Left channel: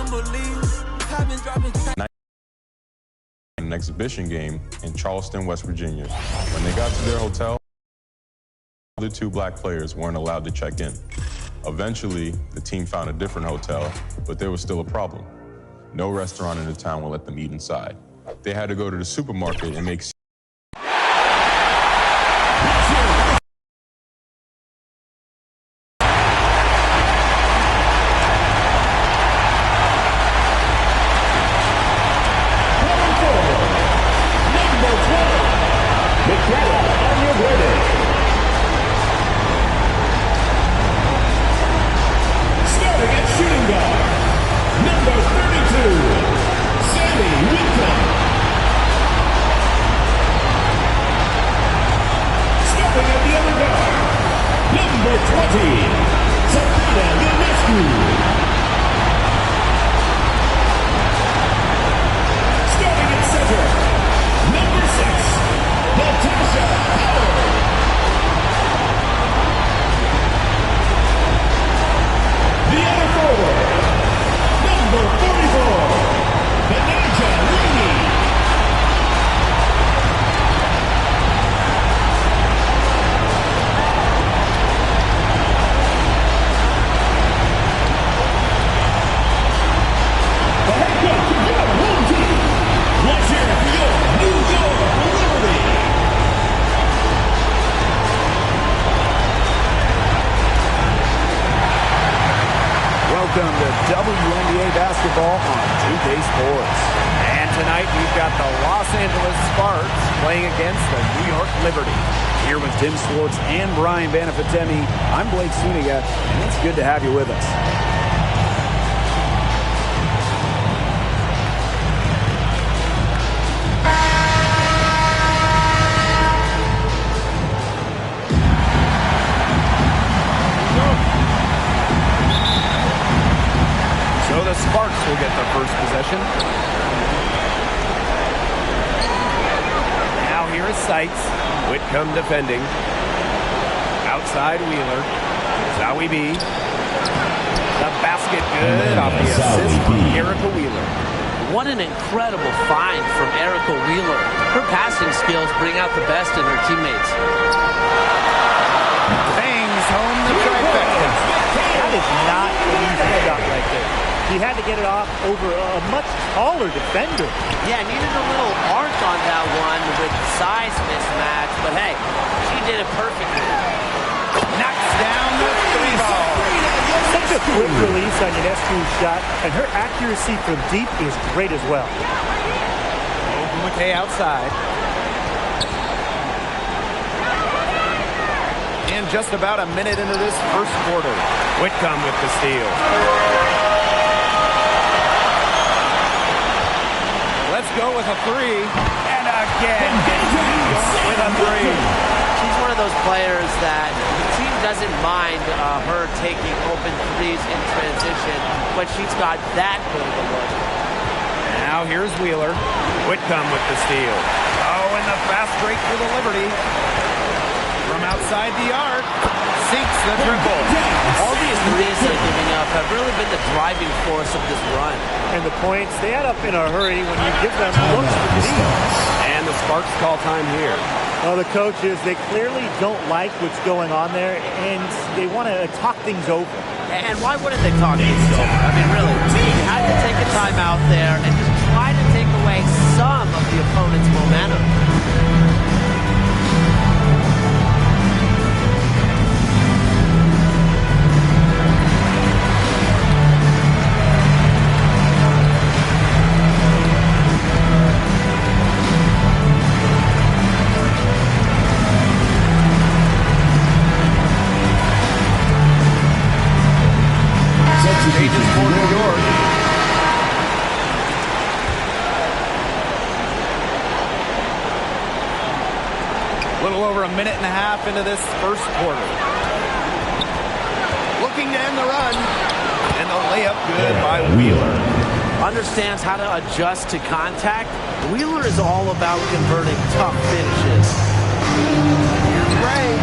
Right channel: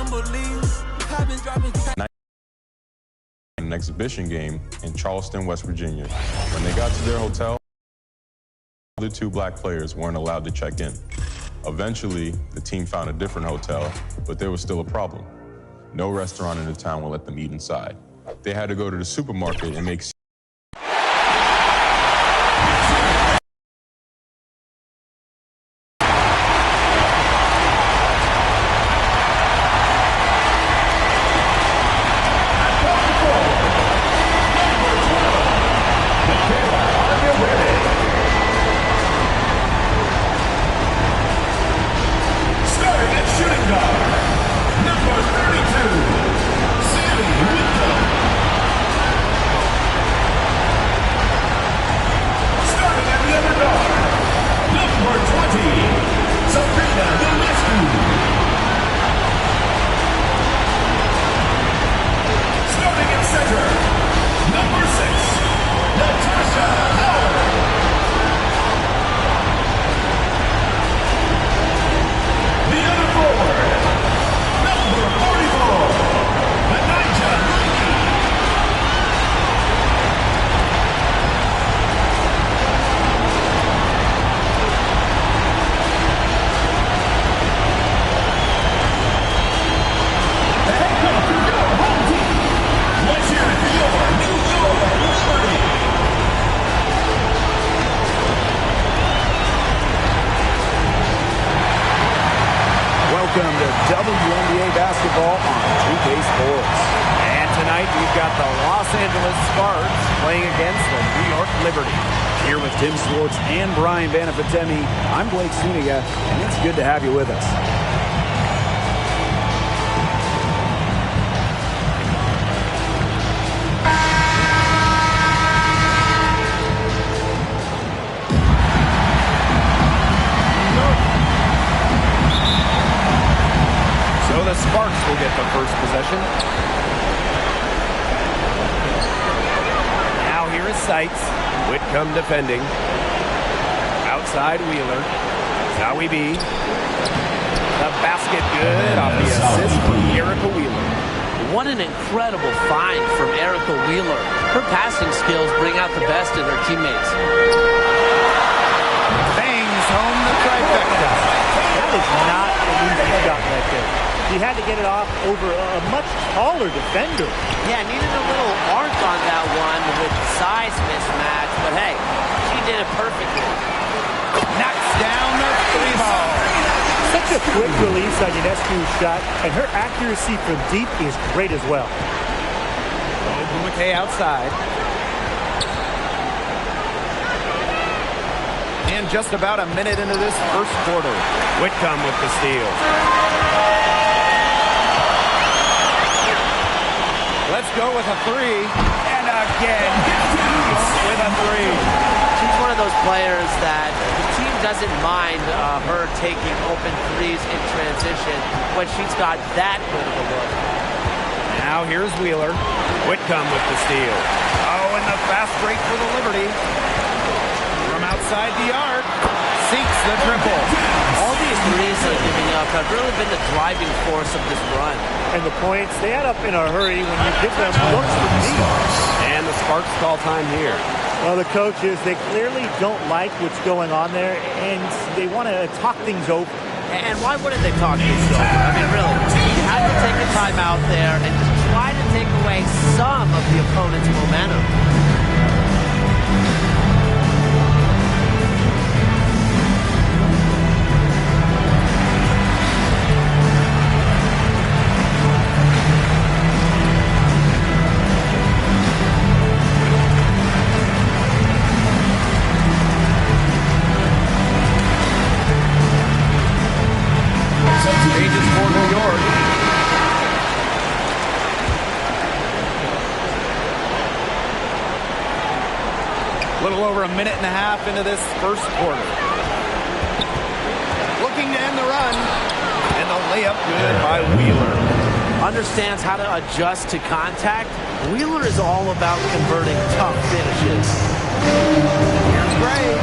wouldn't believe. I've been dropping an exhibition game in Charleston, West Virginia. When they got to their hotel, the other 2 black players weren't allowed to check in. Eventually, the team found a different hotel, but there was still a problem. No restaurant in the town will let them eat inside. They had to go to the supermarket and make Welcome to WNBA basketball on 2K Sports. And tonight we've got the Los Angeles Sparks playing against the New York Liberty. Here with Tim Swartz and Brian Banafitemi, I'm Blake Suniga, and it's good to have you with us. So the Sparks will get the first possession. Now here is Seitz. Whitcomb defending. Outside Wheeler. Zowie B. The basket good off the assist from Erica Wheeler. What an incredible find from Erica Wheeler. Her passing skills bring out the best in her teammates. Bangs home the trifecta. That is not an easy shot right there. He had to get it off over a much taller defender. Yeah, needed a little arc on that one with the size mismatch, but hey, she did it perfectly. Knocks down the 3 ball. Such a quick release on Ionescu shot, and her accuracy from deep is great as well. Ogumake outside. And just about a minute into this first quarter, Whitcomb with the steal. Let's go with a 3. And again, with a 3. She's one of those players that the team doesn't mind her taking open threes in transition, but she's got that good of a look. Now here's Wheeler. Whitcomb with the steal. Oh, and the fast break for the Liberty. From outside the arc, sinks the triple. All these threes they're giving up have really been the driving force of this run. And the points, they add up in a hurry when you give them looks from deep. And the Sparks call time here. Well, the coaches, they clearly don't like what's going on there, and they want to talk things over. And why wouldn't they talk things over? I mean, really, you had to take a time out there and just try to take away some of the opponent's momentum. Changes for New York. A little over a minute and a half into this first quarter. Looking to end the run. And the layup good by Wheeler. Understands how to adjust to contact. Wheeler is all about converting tough finishes. Here's Gray.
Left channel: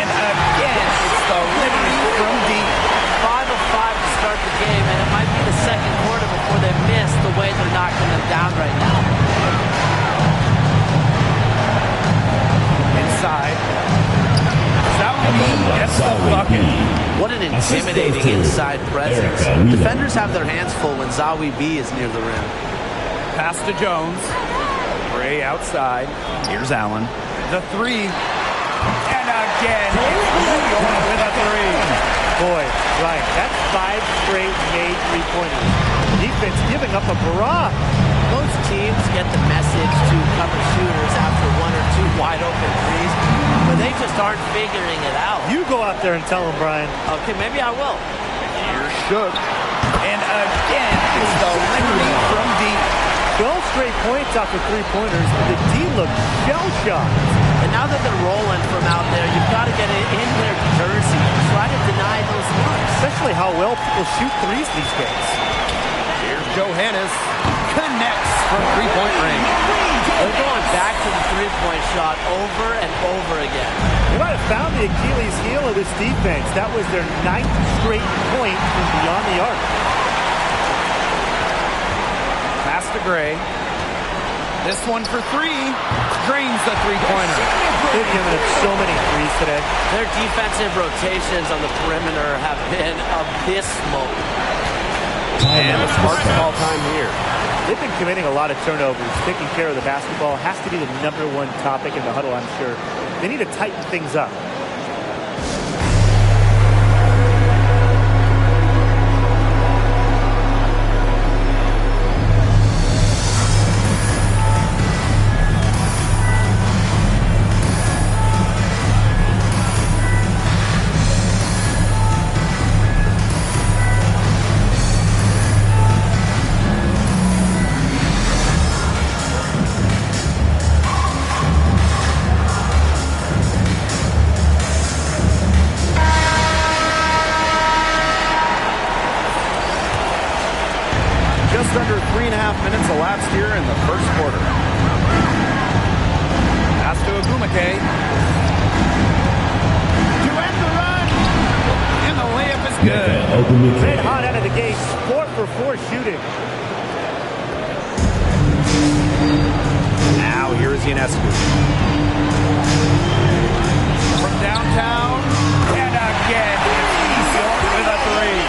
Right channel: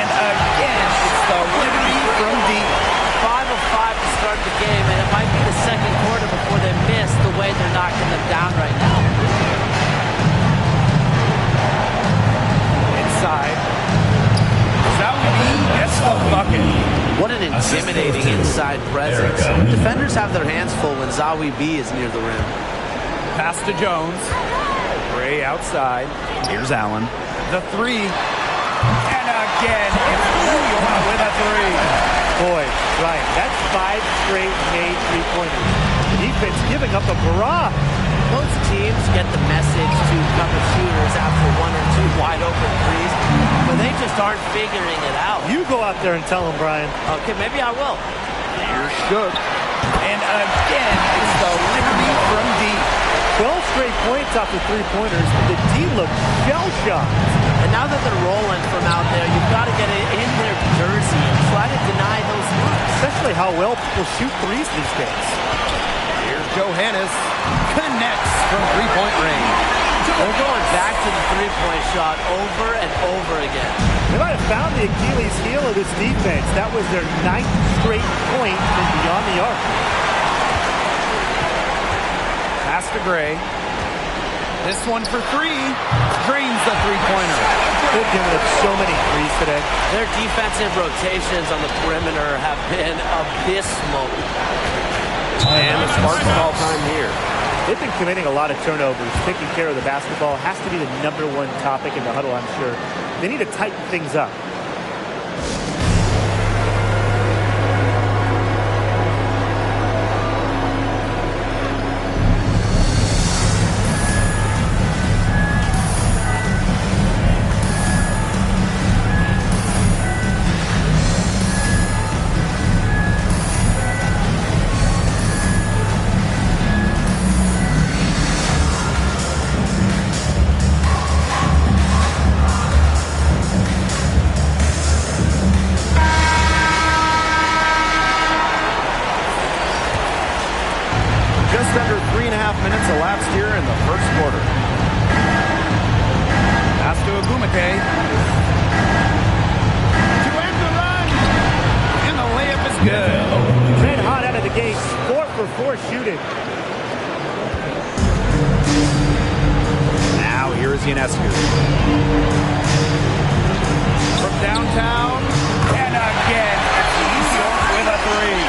And again, it's the Liberty from deep. 5 of 5 to start the game, and it might be the second quarter before they miss the way they're knocking them down right now. Inside. Zawidi gets the bucket. What an intimidating inside presence. Defenders have their hands full when Zawi B is near the rim. Pass to Jones. Gray outside. Here's Allen. The three. And again, it's New York with a three. Boy, Ryan, that's 5 straight made three-pointers. Defense giving up a barrage. Most teams get the message to cover shooters after 1 or 2 wide-open threes, but they just aren't figuring it out. You go out there and tell them, Brian. Okay, maybe I will. Here's Shook. And again, it's the Liberty from deep. 12 straight points off the three-pointers. The D looks shell-shocked. And now that they're rolling from out there, you've got to get it in their jersey and try to deny those looks. Especially how well people shoot threes these days. Here's Johannes. Connects from three-point range. They're going back to the three-point shot over and over again. They might have found the Achilles heel of this defense. That was their 9th straight point from beyond the arc. Pass to Gray. This one for three. Drains the three-pointer. They've given up so many threes today. Their defensive rotations on the perimeter have been abysmal. And the Sparks call time here. They've been committing a lot of turnovers. Taking care of the basketball has to be the #1 topic in the huddle, I'm sure. They need to tighten things up. Just under 3.5 minutes elapsed here in the first quarter. Pass to Agumake. To end the run. And the layup is good. Red hot out of the gate. 4 for 4 shooting. Now here is Ionescu. From downtown. And again, it's New York with a three.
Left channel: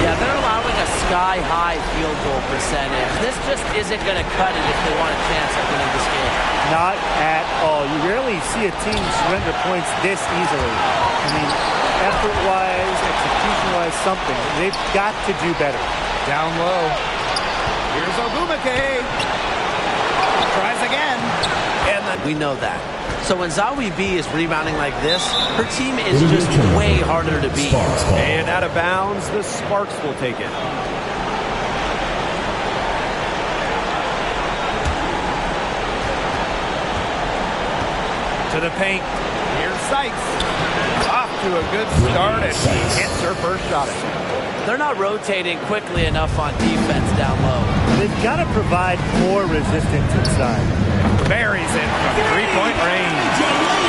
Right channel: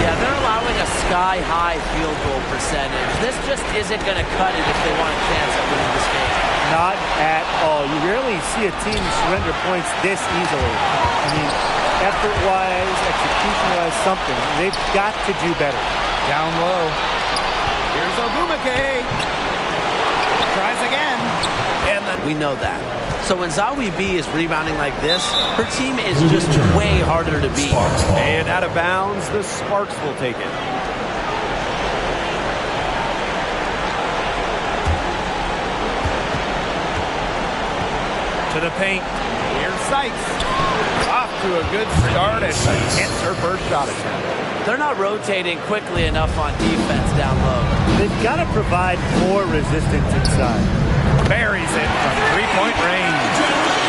Yeah, they're allowing a sky-high field goal percentage. This just isn't going to cut it if they want a chance at winning this game. Not at all. You rarely see a team surrender points this easily. I mean, effort-wise, execution-wise, something. They've got to do better. Down low. Here's Ogumake. Tries again. And we know that. So when Zawi B is rebounding like this, her team is just way harder to beat. And out of bounds, the Sparks will take it. To the paint. Here's Sykes. Off to a good start as she hits her first shot attempt. They're not rotating quickly enough on defense down low. They've got to provide more resistance inside. Buries it from three-point range.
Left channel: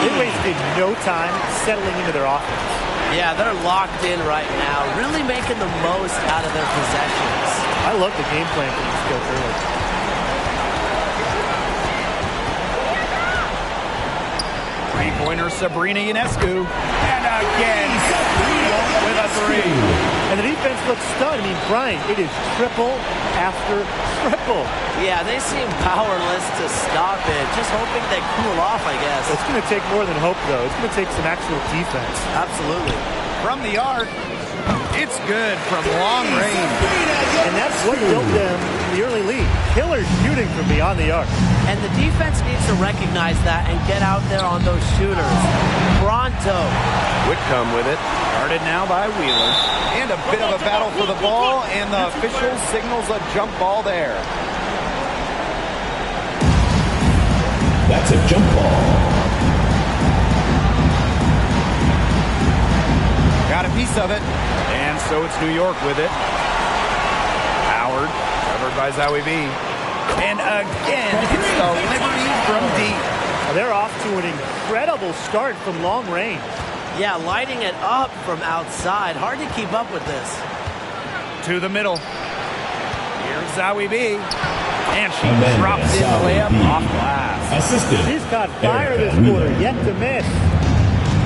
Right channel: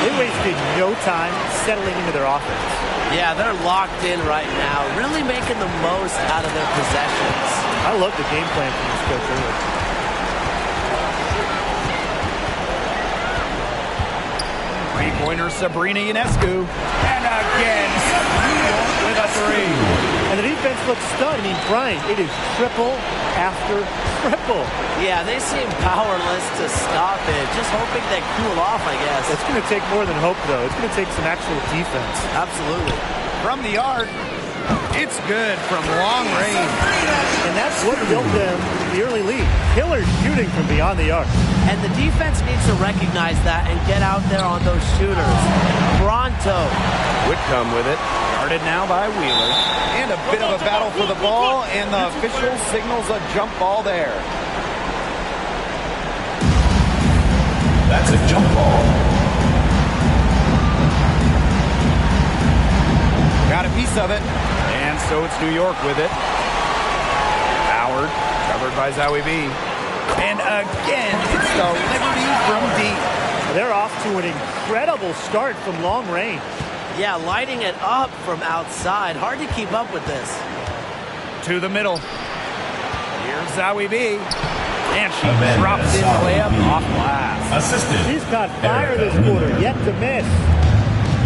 They wasted no time settling into their offense. Yeah, they're locked in right now, really making the most out of their possessions. I love the game plan from this coach early. Three-pointer Sabrina Ionescu. And again, New York with a three. And the defense looks stunned. I mean, Brian, it is triple after triple. Yeah, they seem powerless to stop it. Just hoping they cool off, I guess. It's going to take more than hope, though. It's going to take some actual defense. Absolutely. From the arc, it's good from long range. And that's what built them the early lead. Killer shooting from beyond the arc. And the defense needs to recognize that and get out there on those shooters. Pronto. Whitcomb with it. Guarded now by Wheeler. And a bit of a battle for the ball, and the official signals a jump ball there. That's a jump ball. Got a piece of it. And so it's New York with it. Howard, covered by Zawi B. And again, it's the Liberty from deep. They're off to an incredible start from long range. Yeah, lighting it up from outside. Hard to keep up with this. To the middle. Here's Zoe B. And she Amanda drops in the layup B. off glass. Assistant. She's caught fire this quarter, yet to miss.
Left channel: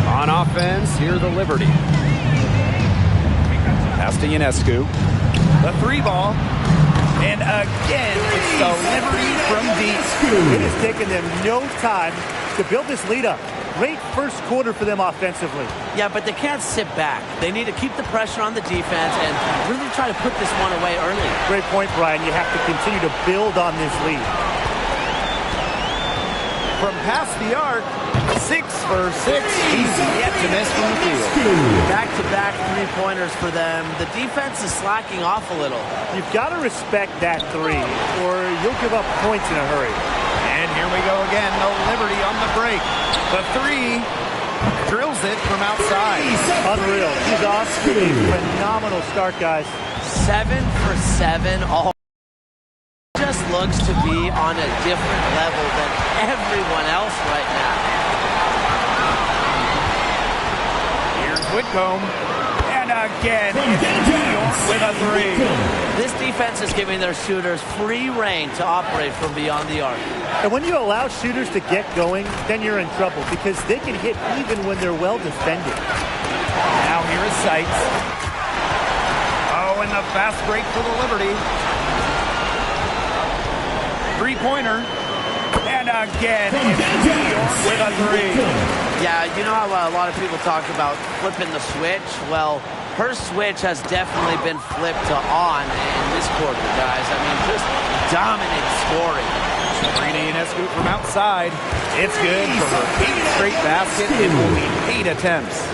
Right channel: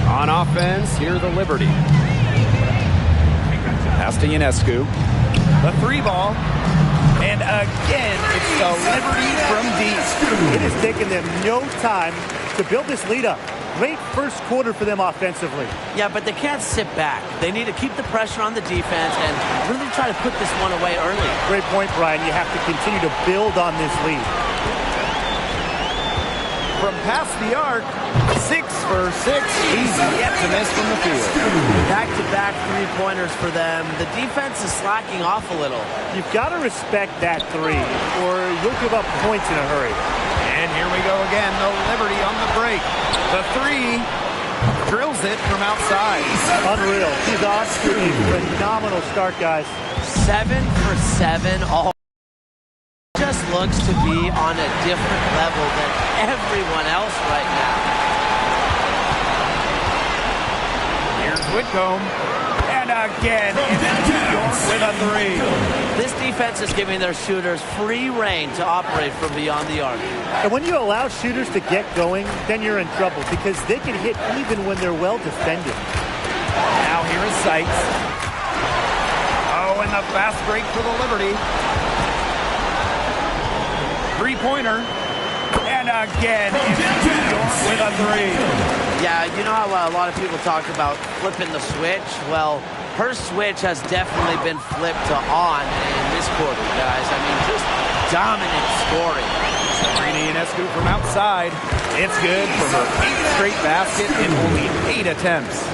On offense, here the Liberty. Pass to Ionescu. The 3-ball. And again, it's the Liberty from deep. It has taken them no time to build this lead up. Great first quarter for them offensively. Yeah, but they can't sit back. They need to keep the pressure on the defense and really try to put this one away early. Great point, Brian. You have to continue to build on this lead. From past the arc, 6 for 6. He's yet to miss from the field. Back-to-back three-pointers for them. The defense is slacking off a little. You've got to respect that three, or you'll give up points in a hurry. And here we go again, the Liberty on the break. The 3 drills it from outside. Unreal. She's off to a phenomenal start, guys. 7 for 7 all. Just looks to be on a different level than everyone else right now. Here's Whitcomb. And again, it's New York with a 3. This defense is giving their shooters free reign to operate from beyond the arc. And when you allow shooters to get going, then you're in trouble because they can hit even when they're well defended. Now here is Sykes. Oh, and the fast break for the Liberty. 3-pointer. And again, it's New York with a 3. Yeah, you know how a lot of people talk about flipping the switch? Well, her switch has definitely been flipped to on in this quarter, guys. I mean, just dominant scoring. Sabrina Ionescu from outside. It's good for her 8th straight basket in only 8 attempts.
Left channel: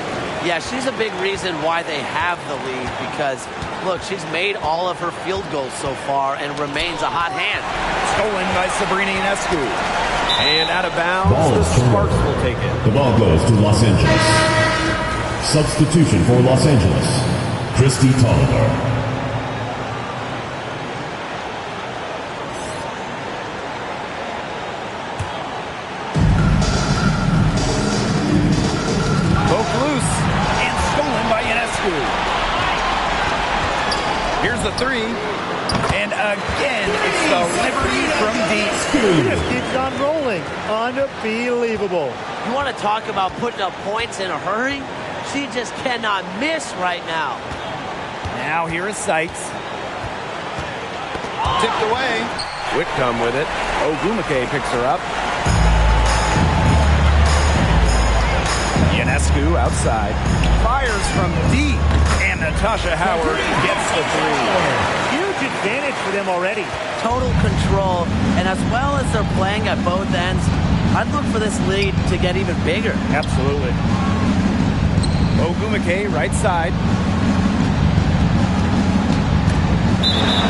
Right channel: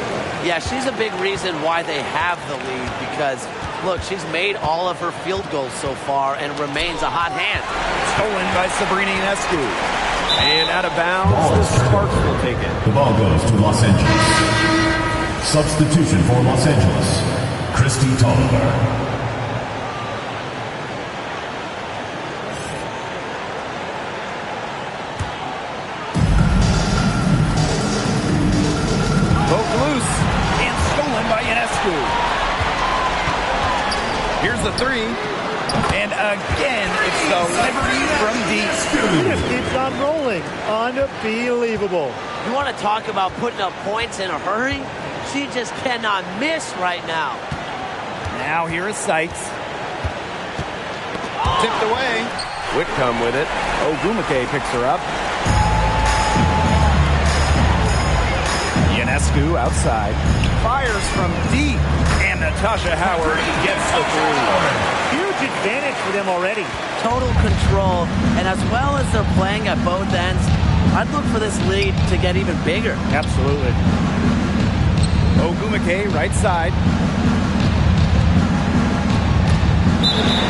Yeah, she's a big reason why they have the lead because, look, she's made all of her field goals so far and remains a hot hand. Stolen by Sabrina Ionescu. And out of bounds, the Sparks will take it. The ball goes to Los Angeles. Substitution for Los Angeles, Christy Tolliver. Poke loose and stolen by Ionescu. Here's the 3. And again, it's the Liberty from deep. He just keeps on rolling. Unbelievable. You want to talk about putting up points in a hurry? She just cannot miss right now. Now here is Sykes. Tipped away. Whitcomb with it. Ogumake picks her up. Ionescu outside. Fires from deep. And Natasha Howard gets the 3. Huge advantage for them already. Total control. And as well as they're playing at both ends, I'd look for this lead to get even bigger. Absolutely. Ogumake right side.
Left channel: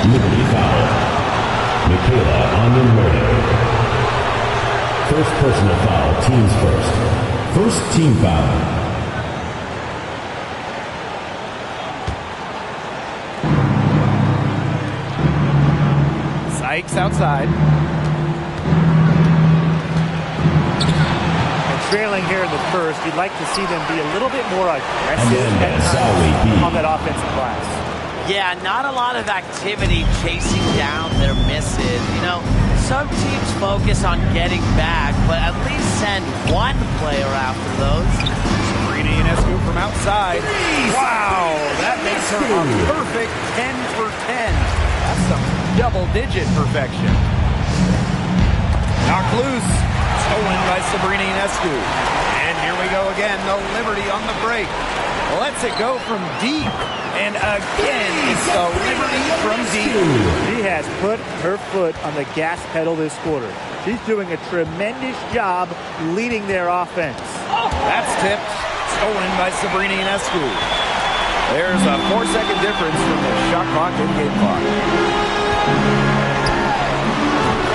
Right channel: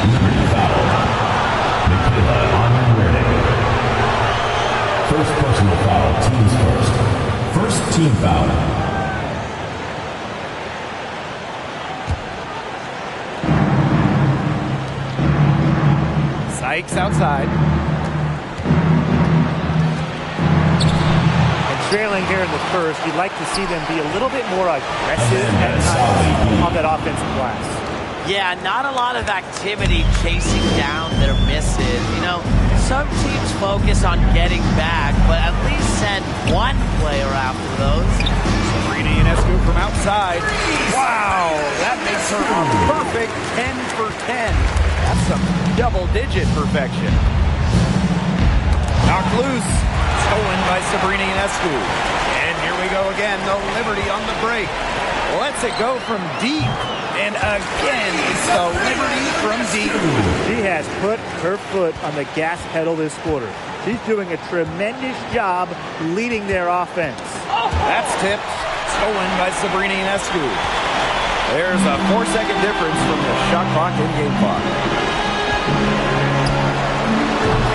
Liberty foul. Michaela Onyenwerde. First personal foul, teams first. First team foul. Sykes outside. And trailing here in the first, you'd like to see them be a little bit more aggressive at times on that offensive glass. Yeah, not a lot of activity chasing down their misses. You know, some teams focus on getting back, but at least send one player after those. Sabrina Ionescu from outside. Wow, that makes her a perfect 10 for 10. That's some double-digit perfection. Knocked loose. Stolen by Sabrina Ionescu. And here we go again, the Liberty on the break. Lets it go from deep. And again, it's the Liberty from deep. She has put her foot on the gas pedal this quarter. She's doing a tremendous job leading their offense. That's tipped. Stolen by Sabrina Ionescu. There's a 4-second difference from the shot clock and game clock.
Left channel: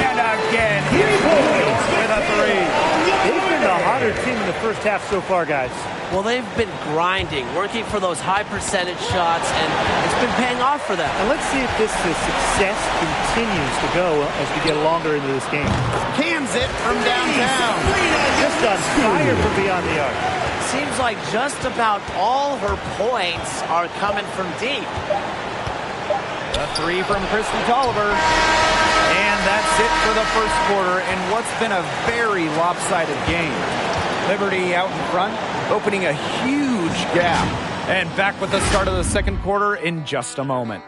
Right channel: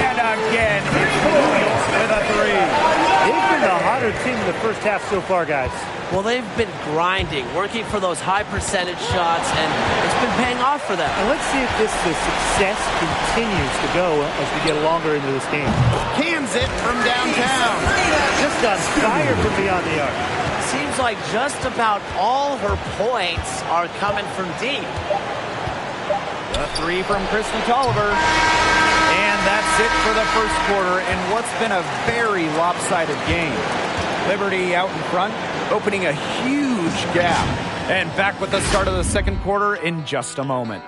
And again, it's New York with a 3. They've been the hotter team in the first half so far, guys. Well, they've been grinding, working for those high percentage shots, and it's been paying off for them. And let's see if this success continues to go as we get longer into this game. Cans it from downtown. Just on fire from beyond the arc. Seems like just about all her points are coming from deep. The three from Christy Tolliver. And that's it for the first quarter in what's been a very lopsided game. Liberty out in front, opening a huge gap. And back with the start of the second quarter in just a moment.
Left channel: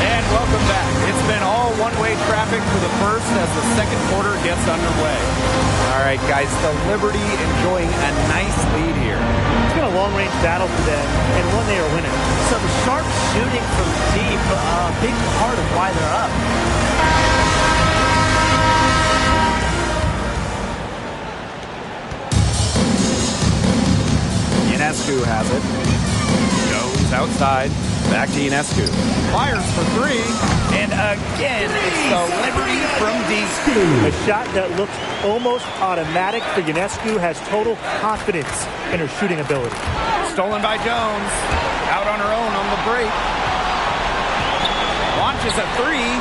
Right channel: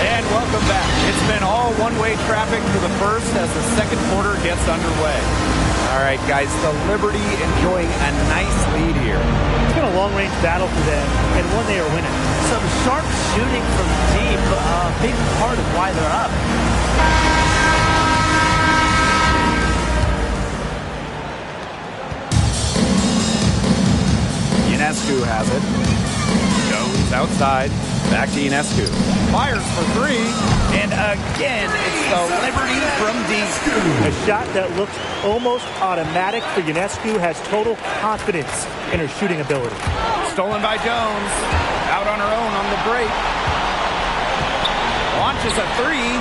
And welcome back. It's been all one-way traffic for the first as the second quarter gets underway. All right, guys, the Liberty enjoying a nice lead here. It's been a long-range battle for them, and one they are winning. Some sharp shooting from deep, a big part of why they're up. Ionescu has it. Goes outside. Back to Ionescu. Fires for three. And again, it's the Liberty from deep. A shot that looks almost automatic for Ionescu, has total confidence in her shooting ability. Stolen by Jones. Out on her own on the break. Launches a three.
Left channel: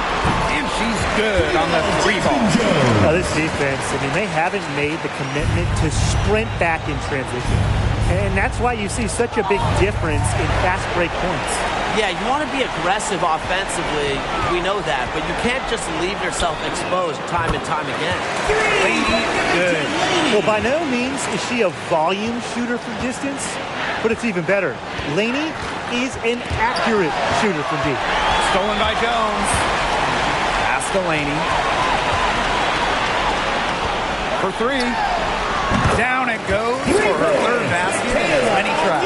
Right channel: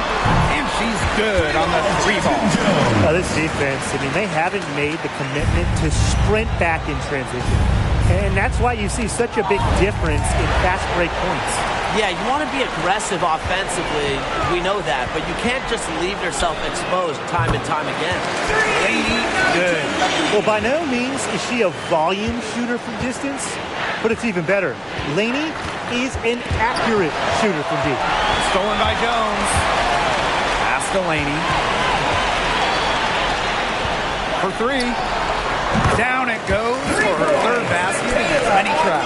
And she's good on the three ball. Now this defense, I mean, they haven't made the commitment to sprint back in transition. And that's why you see such a big difference in fast break points. Yeah, you want to be aggressive offensively. We know that. But you can't just leave yourself exposed time and time again. Laney, good. Well, by no means is she a volume shooter from distance, but it's even better. Laney is an accurate shooter from deep. Stolen by Jones. Pass to Laney. For three. Down it goes for her third basket in as many tries.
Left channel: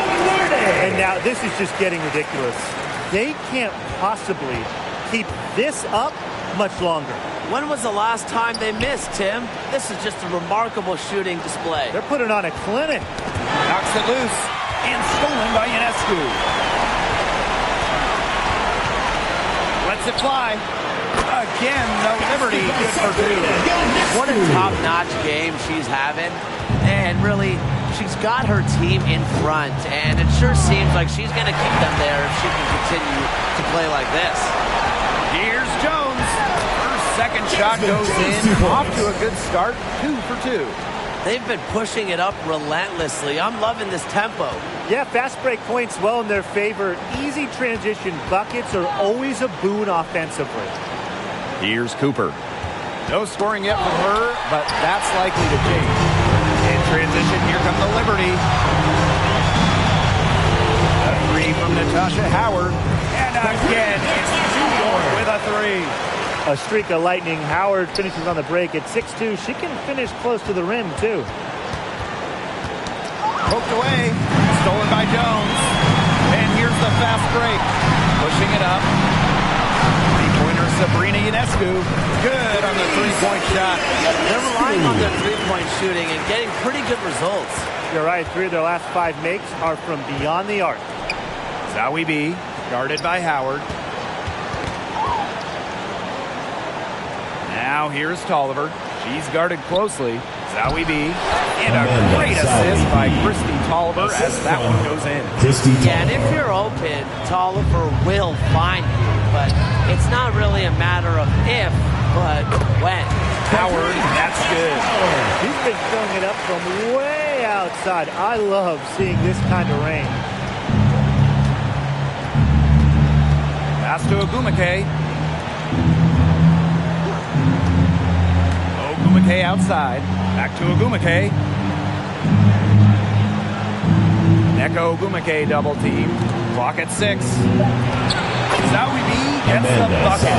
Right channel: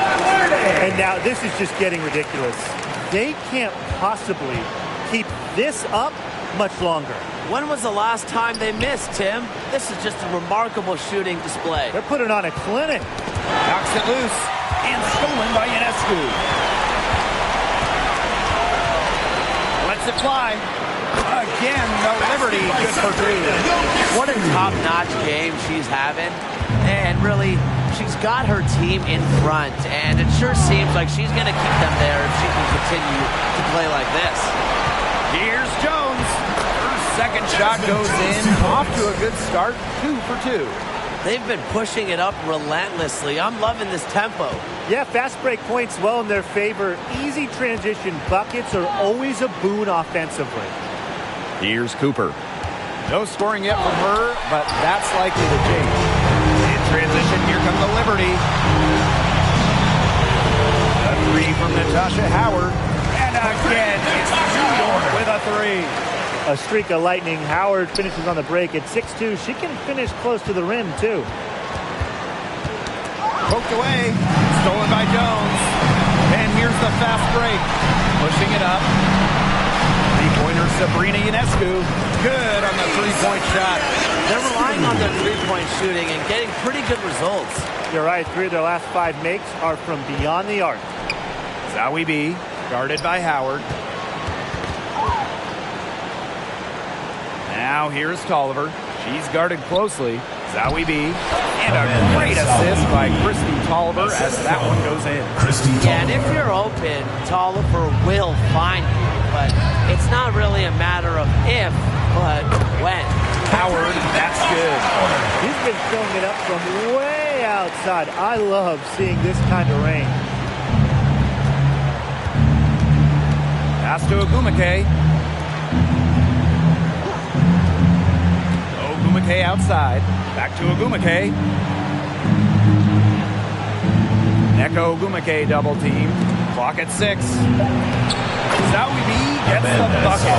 And now this is just getting ridiculous. They can't possibly keep this up much longer. When was the last time they missed, Tim? This is just a remarkable shooting display. They're putting on a clinic. Knocks it loose and stolen by Ionescu. Lets it fly. Again, the Liberty good for two. What a top-notch game she's having. And really, she's got her team in front. And it sure seems like she's going to keep them there if she can continue to play like this. Here's Jones. Her second shot goes in. Off to a good start. 2 for 2. They've been pushing it up relentlessly. I'm loving this tempo. Yeah, fast break points well in their favor. Easy transition buckets are always a boon offensively. Here's Cooper. No scoring yet from her, but that's likely to change. In transition, here comes the Liberty. A three from Natasha Howard. And again, it's New York with a three. A streak of lightning. Howard finishes on the break at 6'2". She can finish close to the rim, too. Poked away. Stolen by Jones. And here's the fast break. Pushing it up. Three-pointer Sabrina Ionescu. Good on the three-point shot. They're relying on their three-point shooting and getting pretty good results. You're right. 3 of their last 5 makes are from beyond the arc. Zowie B, guarded by Howard. Now here's Tolliver. She's guarded closely. Zowie B. And a great assist by Christy Tolliver as that one goes in. Yeah, and if you're open, Tolliver will find you. But it's not really a matter of if, but when. Howard, that's good. He's been filling it up from way outside. I love seeing this kind of rain. Pass to Ogumake. Ogumake outside. Back to Ogumake. Neko Ogumake double team. Clock at 6. Zowie B gets the bucket.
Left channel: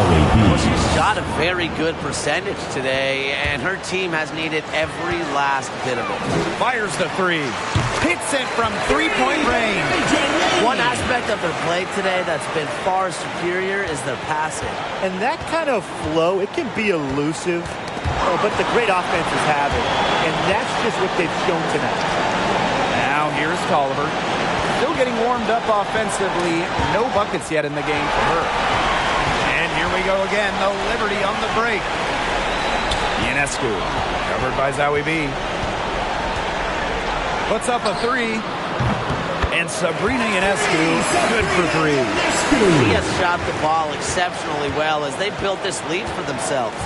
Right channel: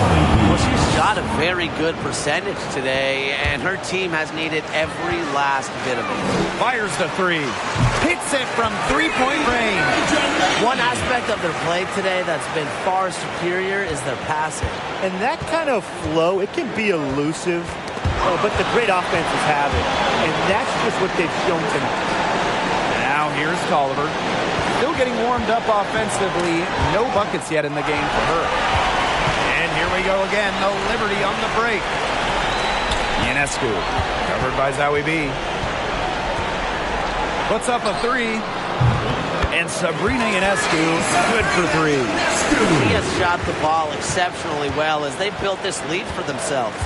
Well, she's shot a very good percentage today, and her team has needed every last bit of it. Fires the three. Hits it from three-point range. One aspect of their play today that's been far superior is their passing. And that kind of flow, it can be elusive, but the great offenses have it. And that's just what they've shown tonight. Now here's Tolliver. Still getting warmed up offensively. No buckets yet in the game for her. And here we go again. The Liberty on the break. Ionescu, covered by Zowie B. Puts up a three. And Sabrina Ionescu, good for three. She has shot the ball exceptionally well as they built this lead for themselves.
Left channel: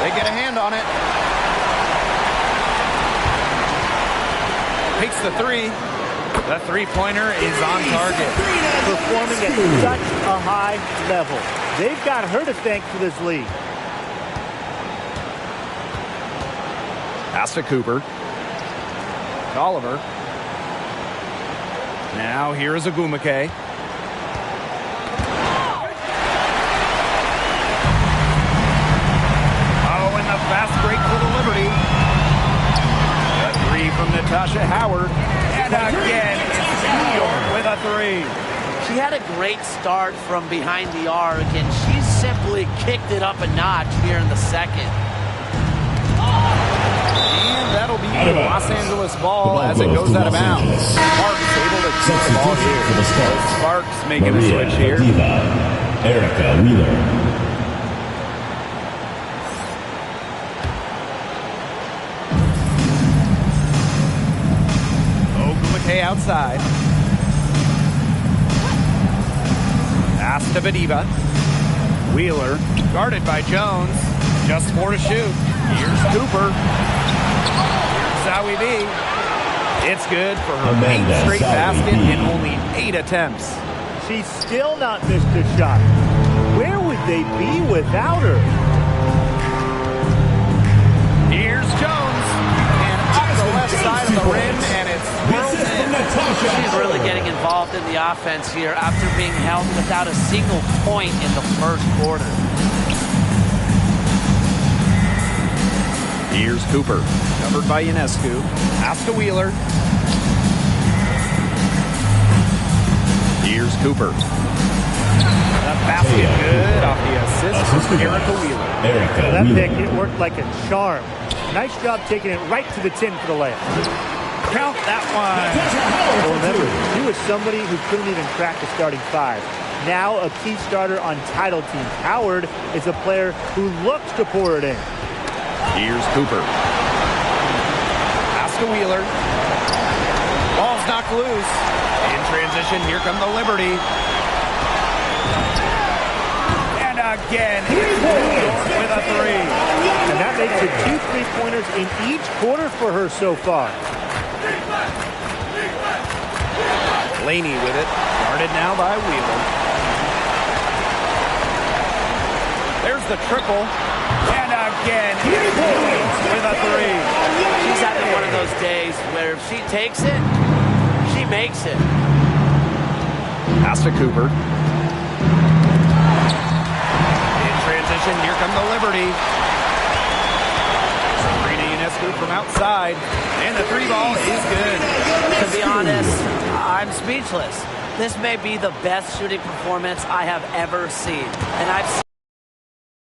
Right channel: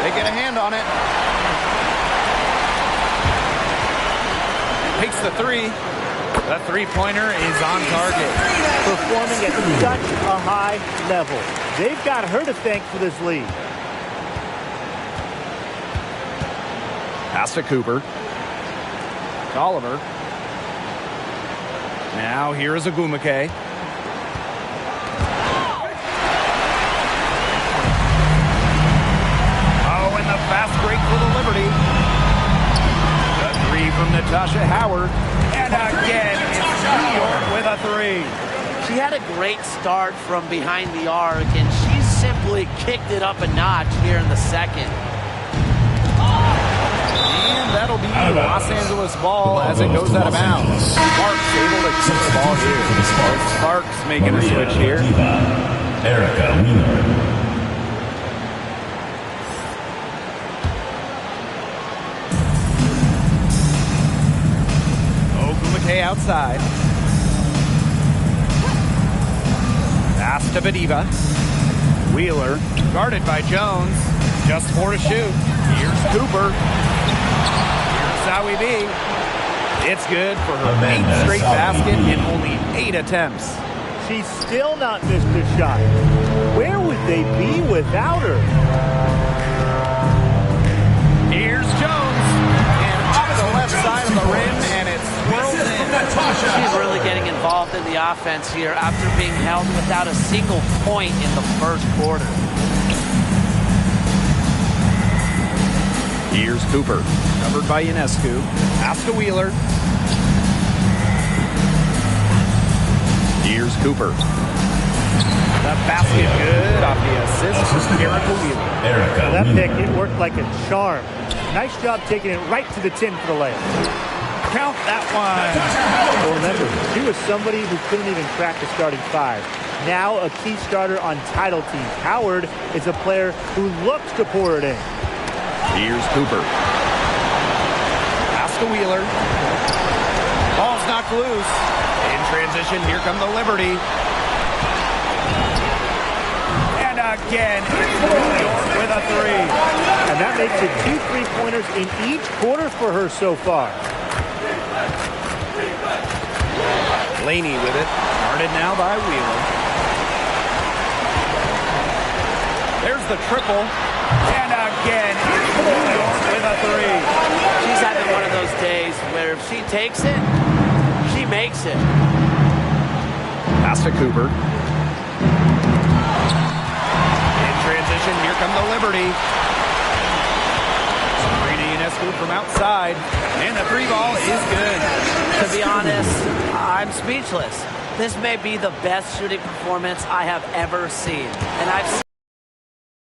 They get a hand on it. Takes the three. The three-pointer is on target. Performing at such a high level. They've got her to thank for this lead. Pass to Cooper. To Oliver. Now here is Agumake. Oh, and the fast break for the Liberty. The three from Natasha Howard. And again, it's New York with a three. She had a great start from behind the arc, and she's simply kicked it up a notch here in the second. And that'll be Los Angeles ball as it goes out of bounds. Sparks able to keep the ball here. Sparks making a switch here. Erica Wheeler. Ogumake outside. Pass to Bediva. Wheeler guarded by Jones. Just 4 to shoot. Here's Cooper. Here's Zowie B. It's good for her 8th straight basket in only 8 attempts. She's still not missed a shot. Where would they be without her? Here's Jones. And off the left side of the rim, and it swirls in. She's really getting involved in the offense here after being held without a single point in the first quarter. Here's Cooper, covered by Ionescu. Pass to Wheeler. Here's Cooper. The basket good off the assist from Erica Wheeler. That pick, it worked like a charm. Nice job taking it right to the tin for the layup. Count that one. Well, remember, she was somebody who couldn't even crack the starting five. Now a key starter on title teams. Howard is a player who looks to pour it in. Here's Cooper. Pass to Wheeler. Ball's knocked loose. In transition, here come the Liberty. And again, it's New York with a three. And that makes it 2 3-pointers in each quarter for her so far. Laney with it. Guarded now by Wheeler. There's the triple. And again, it's New York with a three. She's having one of those days where if she takes it, she makes it. Pass to Cooper. In transition, here come the Liberty. Sabrina Ionescu from outside. And the three ball is good. To be honest, I'm speechless. This may be the best shooting performance I have ever seen. And I've seen.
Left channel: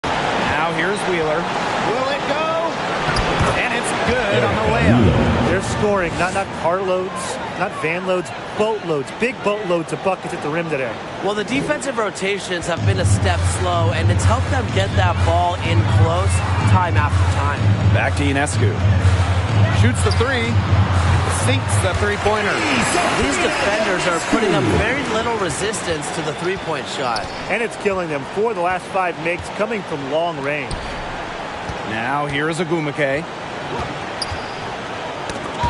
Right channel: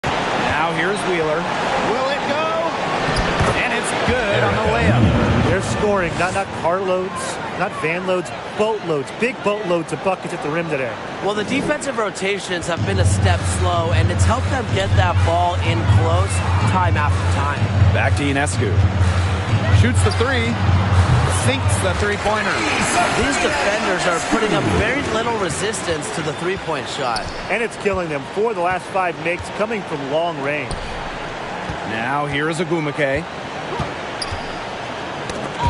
Now here's Wheeler. Will it go? And it's good on the layup. They're scoring, not carloads, not van loads, boatloads, big boatloads of buckets at the rim today. Well, the defensive rotations have been a step slow, and it's helped them get that ball in close time after time. Back to Ionescu. Shoots the three. Sinks the three-pointer. These defenders are putting up very little resistance to the three-point shot. And it's killing them. 4 of the last 5 makes coming from long range. Now here is Agumake.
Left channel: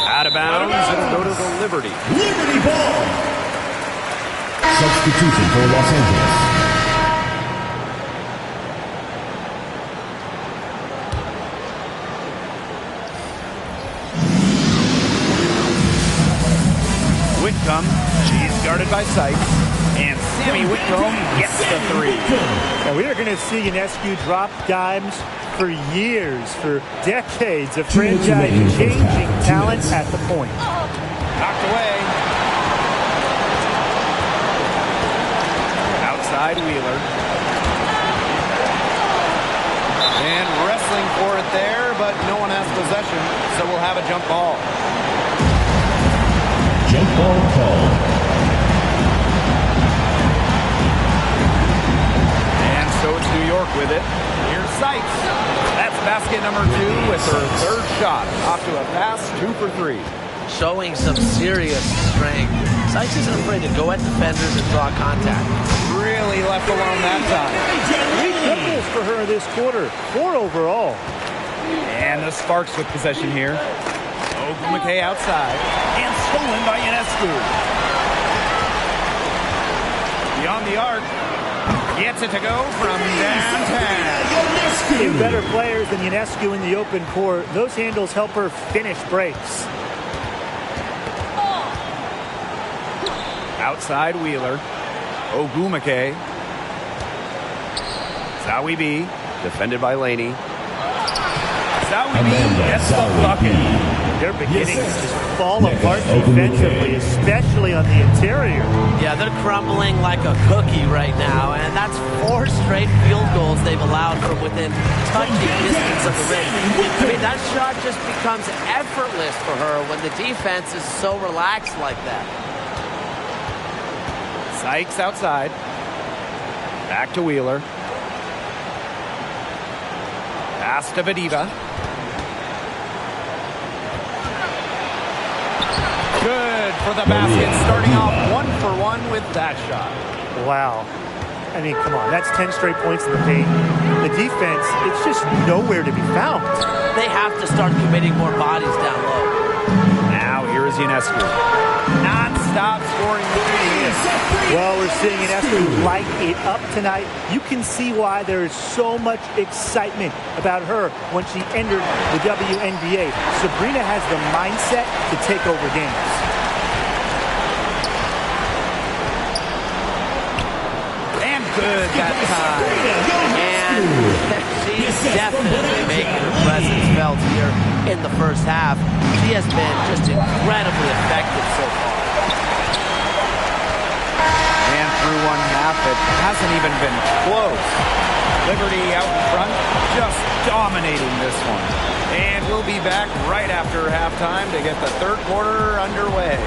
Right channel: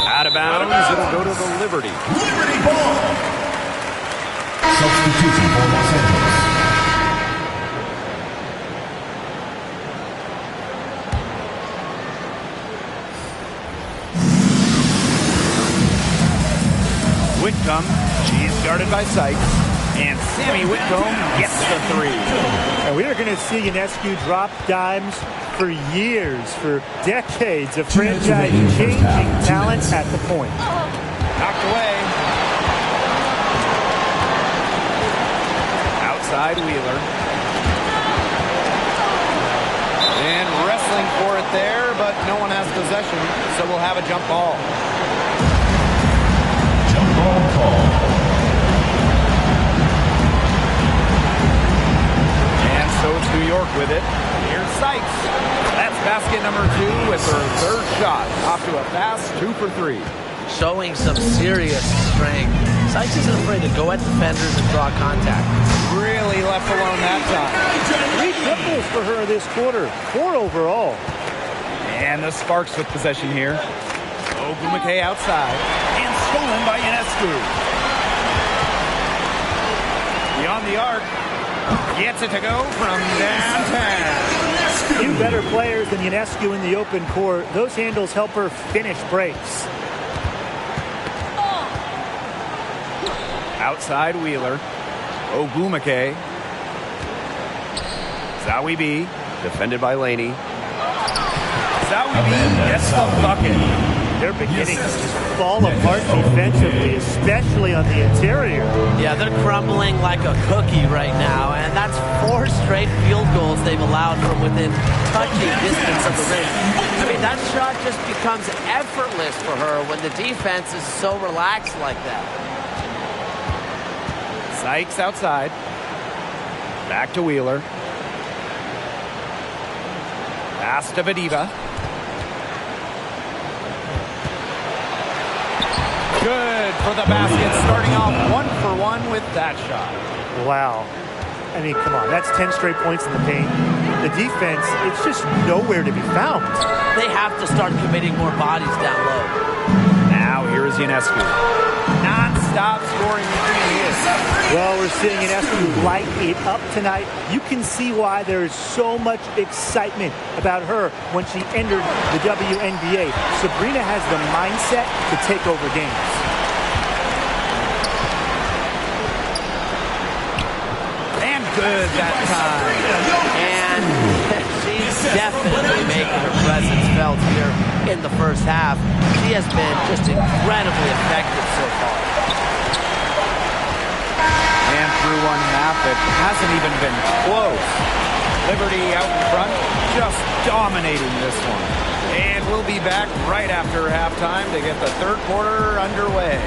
Out of bounds. It'll go to the Liberty. Liberty ball. Substitution for Los Angeles. Whitcomb, she's guarded by Sykes, and Sammy Whitcomb gets the three. And we are going to see Ionescu drop dimes for years, for decades of franchise-changing talent at the point. Knocked away. Outside Wheeler. And wrestling for it there, but no one has possession, so we'll have a jump ball. Jump ball called. And so it's New York with it. Here's Sykes. That's basket number 2 with her third shot. Off to a fast 2 for 3. showing some serious strength. Sykes isn't afraid to go at defenders and draw contact. Really left alone that time. 3 triples for her this quarter. 4 overall. And the Sparks with possession here. Ogwumike outside. And stolen by Ionescu. Beyond the arc. Gets it to go from downtown. Few better players than Ionescu in the open court. Those handles help her finish breaks. Outside Wheeler. Ogwumike. Zawi B. Defended by Laney. Zawi B gets the bucket. They're beginning to just fall apart defensively, especially on the interior. Yeah, they're crumbling like a cookie right now, and that's 4 straight field goals they've allowed from within touching distance of the rim. I mean, that shot just becomes effortless for her when the defense is so relaxed like that. Sykes outside. Back to Wheeler. Pass to Vadiva. Good for the basket, starting off 1 for 1 with that shot. Wow. I mean, come on. That's 10 straight points in the paint. The defense, it's just nowhere to be found. They have to start committing more bodies down low. Now here is Ionescu. Non-stop scoring routine. Well, we're seeing Ionescu light it up tonight. You can see why there is so much excitement about her when she entered the WNBA. Sabrina has the mindset to take over games. And good that time. And she's definitely making her presence felt here in the first half. She has been just incredibly effective so far. And through one half, it hasn't even been close. Liberty out in front, just dominating this one. And we'll be back right after halftime to get the third quarter underway.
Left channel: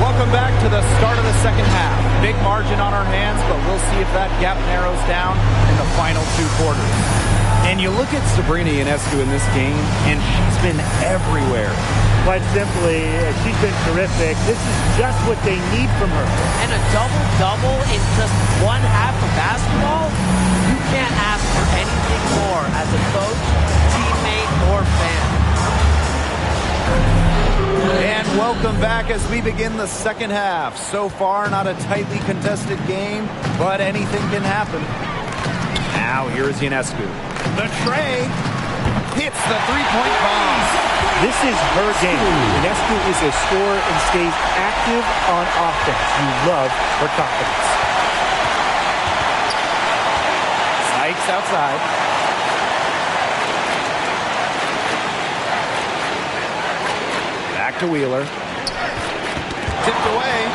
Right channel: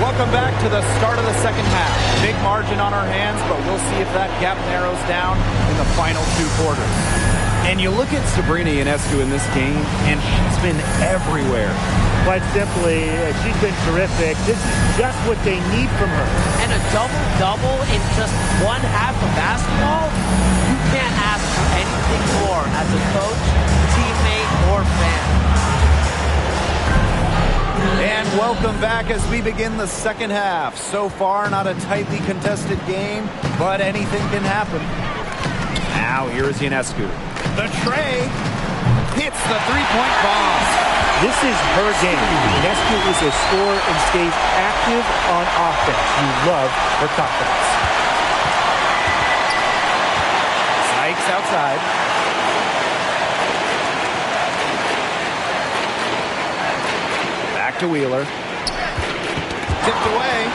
Welcome back to the start of the second half. Big margin on our hands, but we'll see if that gap narrows down in the final 2 quarters. And you look at Sabrina Ionescu in this game, and she's been everywhere. Quite simply, she's been terrific. This is just what they need from her. And a double-double in just 1 half of basketball? You can't ask for anything more as a coach, teammate, or fan. And welcome back as we begin the second half. So far, not a tightly contested game, but anything can happen. Now, here is Ionescu. The tray hits the three-point bomb. This is her game. Ionescu is a scorer and stays active on offense. You love her confidence. Sykes outside. Back to Wheeler. Tipped away.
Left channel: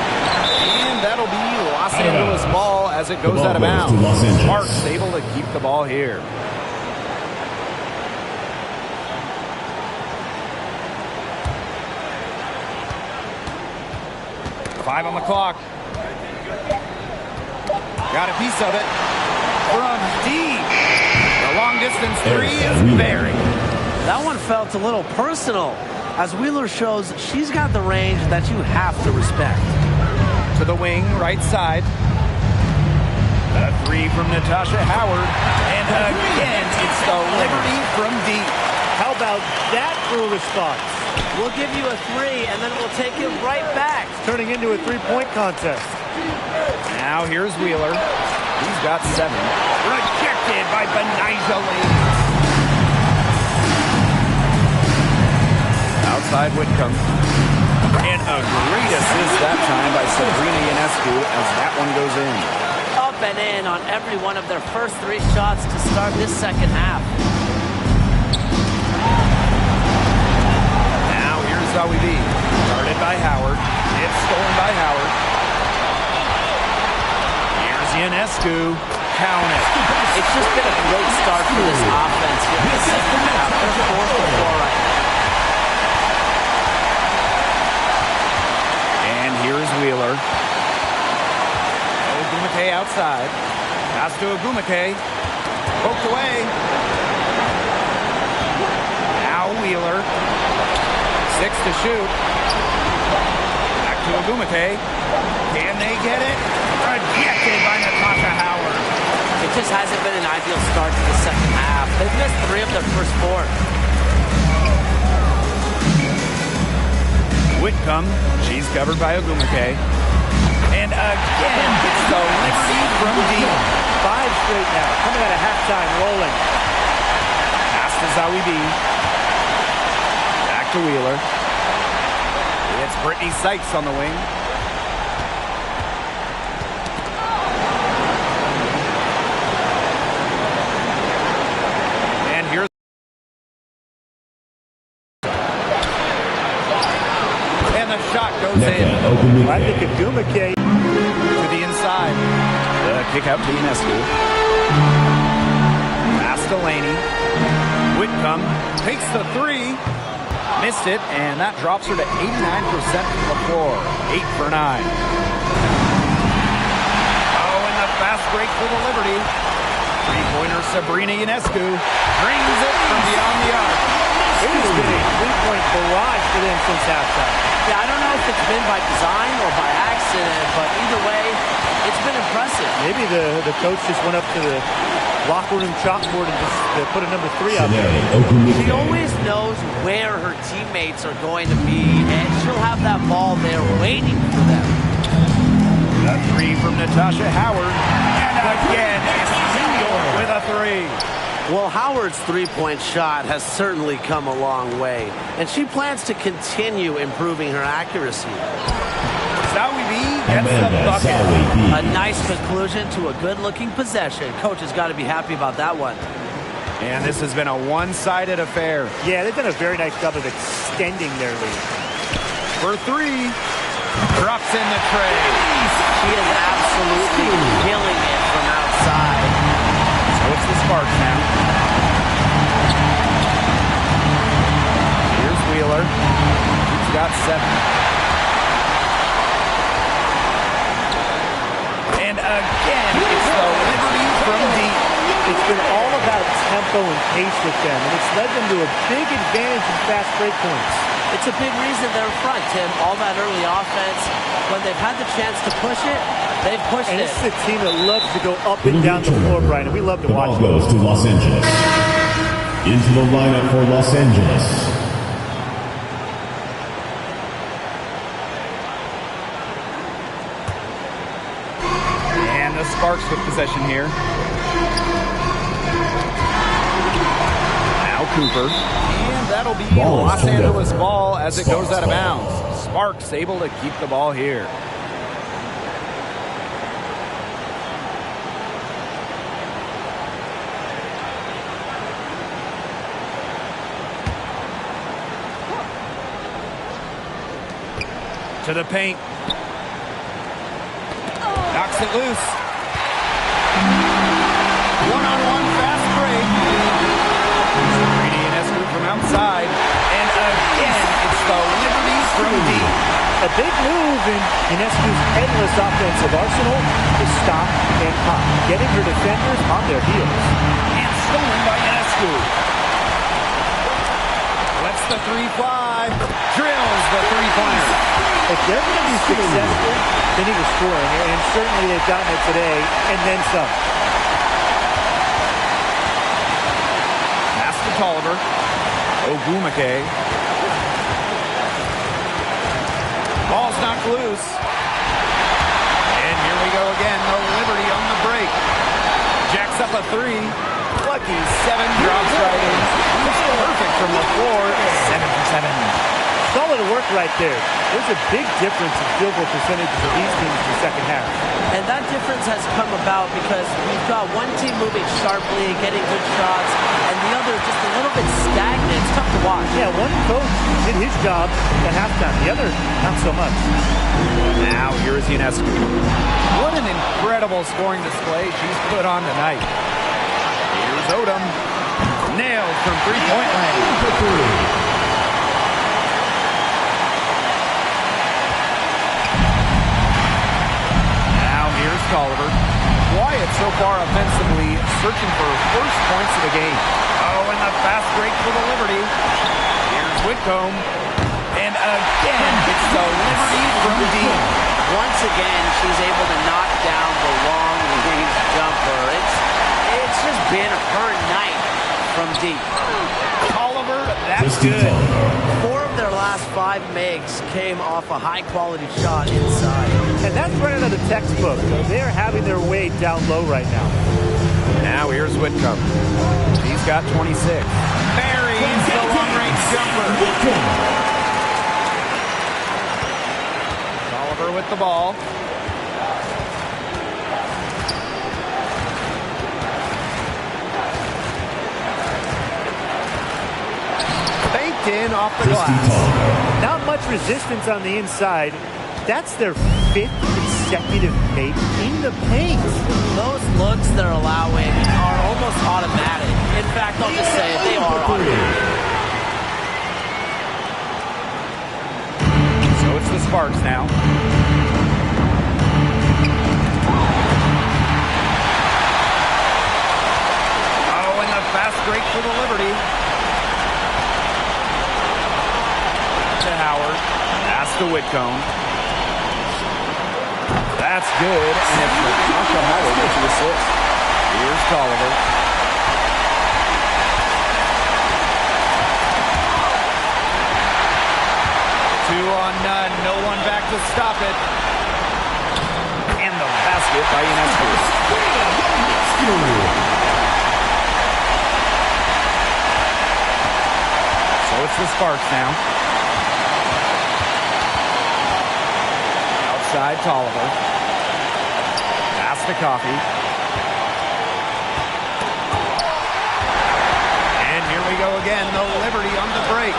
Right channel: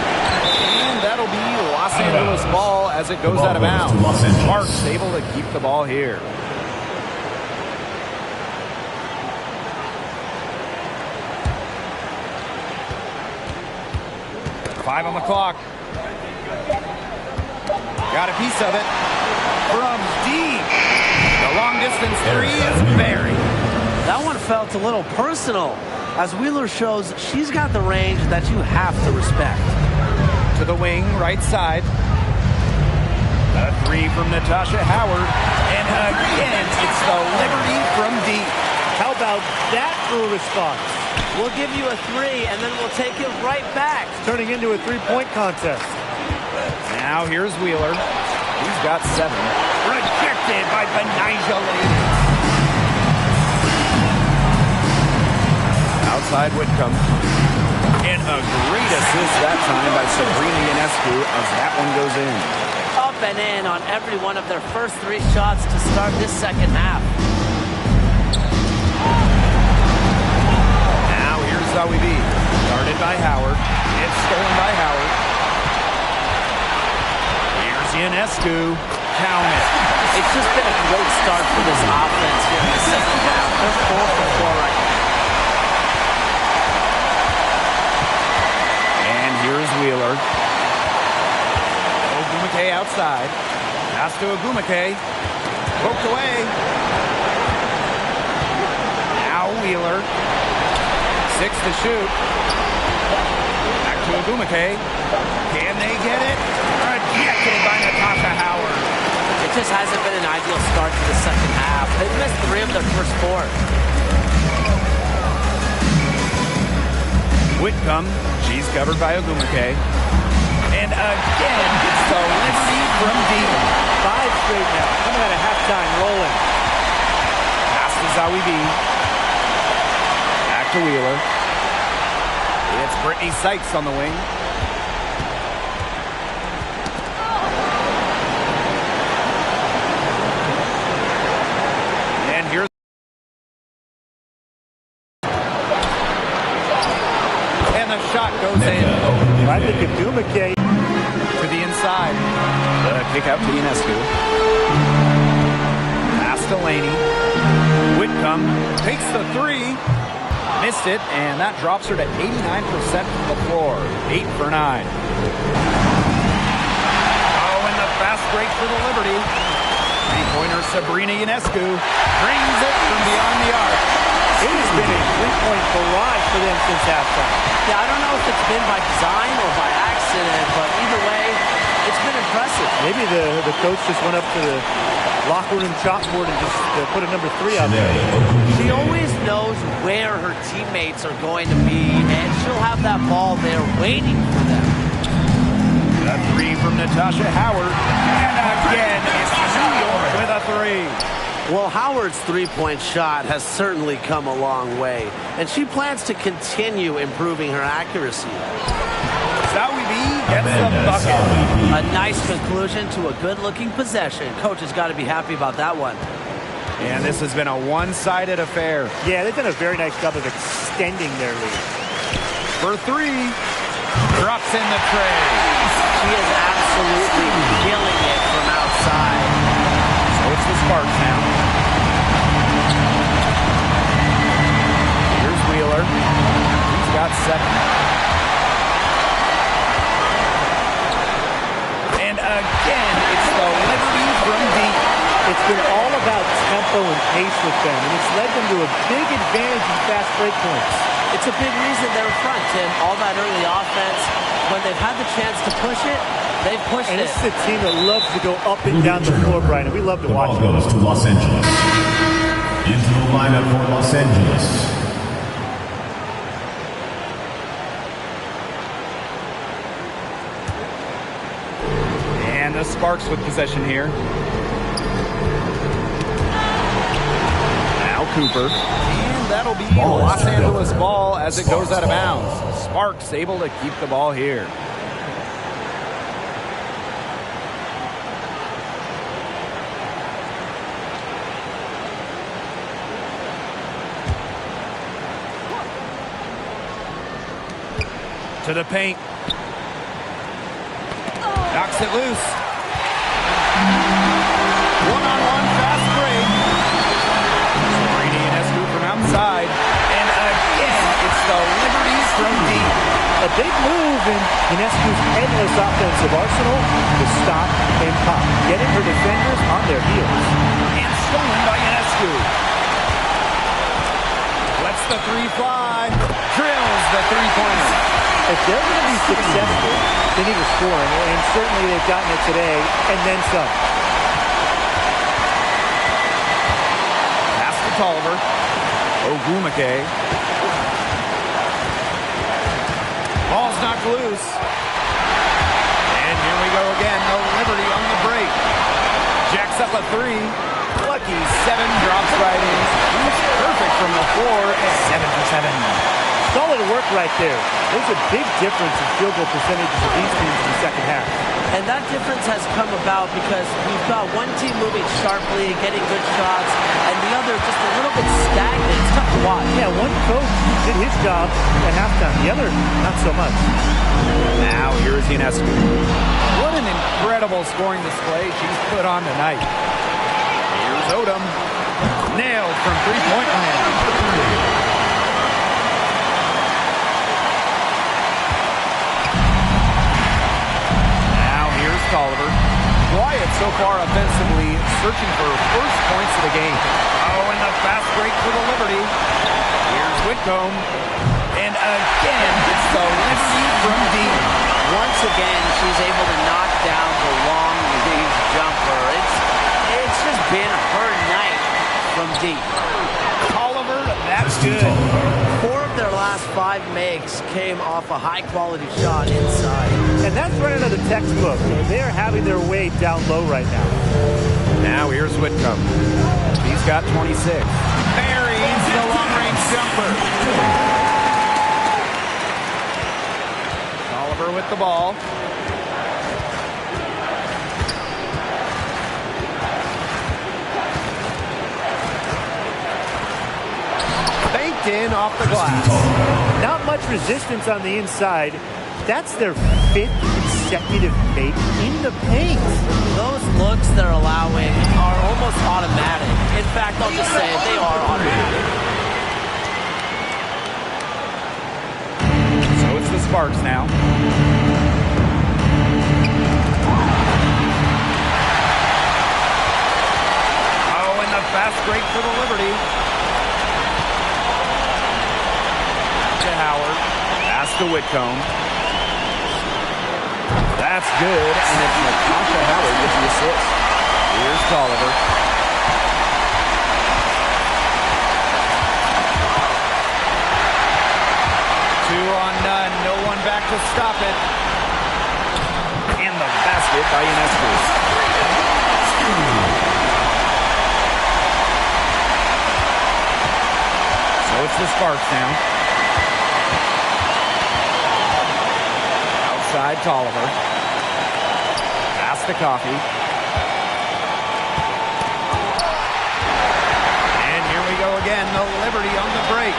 And that'll be Los Angeles ball as it goes out of bounds. Sparks able to keep the ball here. Five on the clock. Got a piece of it. From deep. The long distance 3 is buried. That one felt a little personal, as Wheeler shows she's got the range that you have to respect. To the wing, right side. The 3 from Natasha Howard. And again, it's the Liberty from deep. How about that for a response? We'll give you a 3, and then we'll take it right back. It's turning into a three-point contest. Now here's Wheeler. He's got 7. Rejected by Benija Lady. Outside Whitcomb. And a great assist that time by Sabrina Ionescu as that one goes in. Up and in on every one of their first 3 shots to start this second half. Now here's Zoe B. Guarded by Howard. It's stolen by Howard. Here's Ionescu. Count it. It's just been a great start for this offense here in the second half. They're 4 for 4 right now. And here's Wheeler. Ogumake outside. Pass to Ogumake. Poked away. Now Wheeler. 6 to shoot. Back to Ogumake. Can they get it? Rejected by Natasha Howard. It just hasn't been an ideal start to the second half. They've missed 3 of their first 4. Whitcomb, she's covered by Ogumake. And again, it's the Liberty from deep. 5 straight now, coming out of halftime, rolling. Pass to Zoe B. Back to Wheeler. It's Brittany Sykes on the wing. And here's and the shot goes in. I think Ogumake To the inside. The kick out to Ionescu. Pass to Laney. Whitcomb takes the 3. Missed it, and that drops her to 89% from the floor. 8 for 9. Oh, and the fast break for the Liberty. 3-pointer Sabrina Ionescu brings it from beyond the arc. It has been a 3-point barrage for them since halftime. Yeah, I don't know if it's been by design or by accident, but either way, it's been impressive. Maybe the coach just went up to the locker room chalkboard and just put a number 3 out there. She always knows where her teammates are going to be, and she'll have that ball there waiting for them. The 3 from Natasha Howard. And again, it's New York with a 3. Well, Howard's 3-point shot has certainly come a long way, and she plans to continue improving her accuracy. Zoe B gets the bucket. A nice conclusion to a good-looking possession. Coach has got to be happy about that one. And this has been a one-sided affair. Yeah, they've done a very nice job of extending their lead. For 3, drops in the tray. She is absolutely killing it from outside. So it's the Sparks now. Here's Wheeler. He's got 7. And again, it's the Liberty from deep. It's been all about tempo and pace with them, and it's led them to a big advantage in fast break points. It's a big reason they're in front, Tim. All that early offense, when they've had the chance to push it, they've pushed and it. This is a team that loves to go up and down the floor, Brian, and we love to watch it. The ball goes to Los Angeles. Into the lineup for Los Angeles. And the Sparks with possession here. Now Cooper. And that'll be Los Angeles ball as it goes out of bounds. Sparks able to keep the ball here. To the paint. Knocks it loose. One-on-one fast break. Sabrina Ionescu from outside. And again, it's the Liberty from deep. A big move in Ionescu's endless offensive arsenal to stop and pop, getting her defenders on their heels. And stolen by Ionescu. Lets the 3 fly. Drills the 3-pointer. If they're going to be successful, they need a scoring, and certainly they've gotten it today, and then some. Pass to Tolliver. Ogumake. Ball's knocked loose. And here we go again. The Liberty on the break. Jacks up a 3. Lucky 7 drops right in. Shoots perfect from the floor. 7 for 7. Solid work right there. There's a big difference in field goal percentages of these teams in the second half. And that difference has come about because we've got one team moving sharply, getting good shots, and the other just a little bit stagnant. It's tough to watch. Yeah, one coach did his job at halftime. The other, not so much. Now, here is Ionescu. What an incredible scoring display she's put on tonight. Here's Odom. Nailed from three-point land. Here's Tolliver. Quiet so far offensively, searching for first points of the game. Oh, and the fast break for the Liberty. Here's Whitcomb. And again, it's the Liberty from deep. Once again, she's able to knock down the long-range jumper. It's just been her night from deep. Tolliver, that's good. 4 of their last 5 makes came off a high-quality shot inside. And that's right out of the textbook. They're having their way down low right now. Now here's Whitcomb. He's got 26. Buries the long-range jumper. Tolliver with the ball. Banked in off the glass. Not much resistance on the inside. That's their 5th consecutive make in the paint. Those looks they're allowing are almost automatic. In fact, I'll just say it, they are automatic. So it's the Sparks now. Oh, and the fast break for the Liberty. Out to Howard. Pass to Whitcomb. That's good, and it's Natasha Howard with the assist. Here's Tolliver. Two on none, no one back to stop it. And the basket by Ionescu. So it's the Sparks now. Outside Tolliver. Pass to Coffey. And here we go again, the Liberty on the break.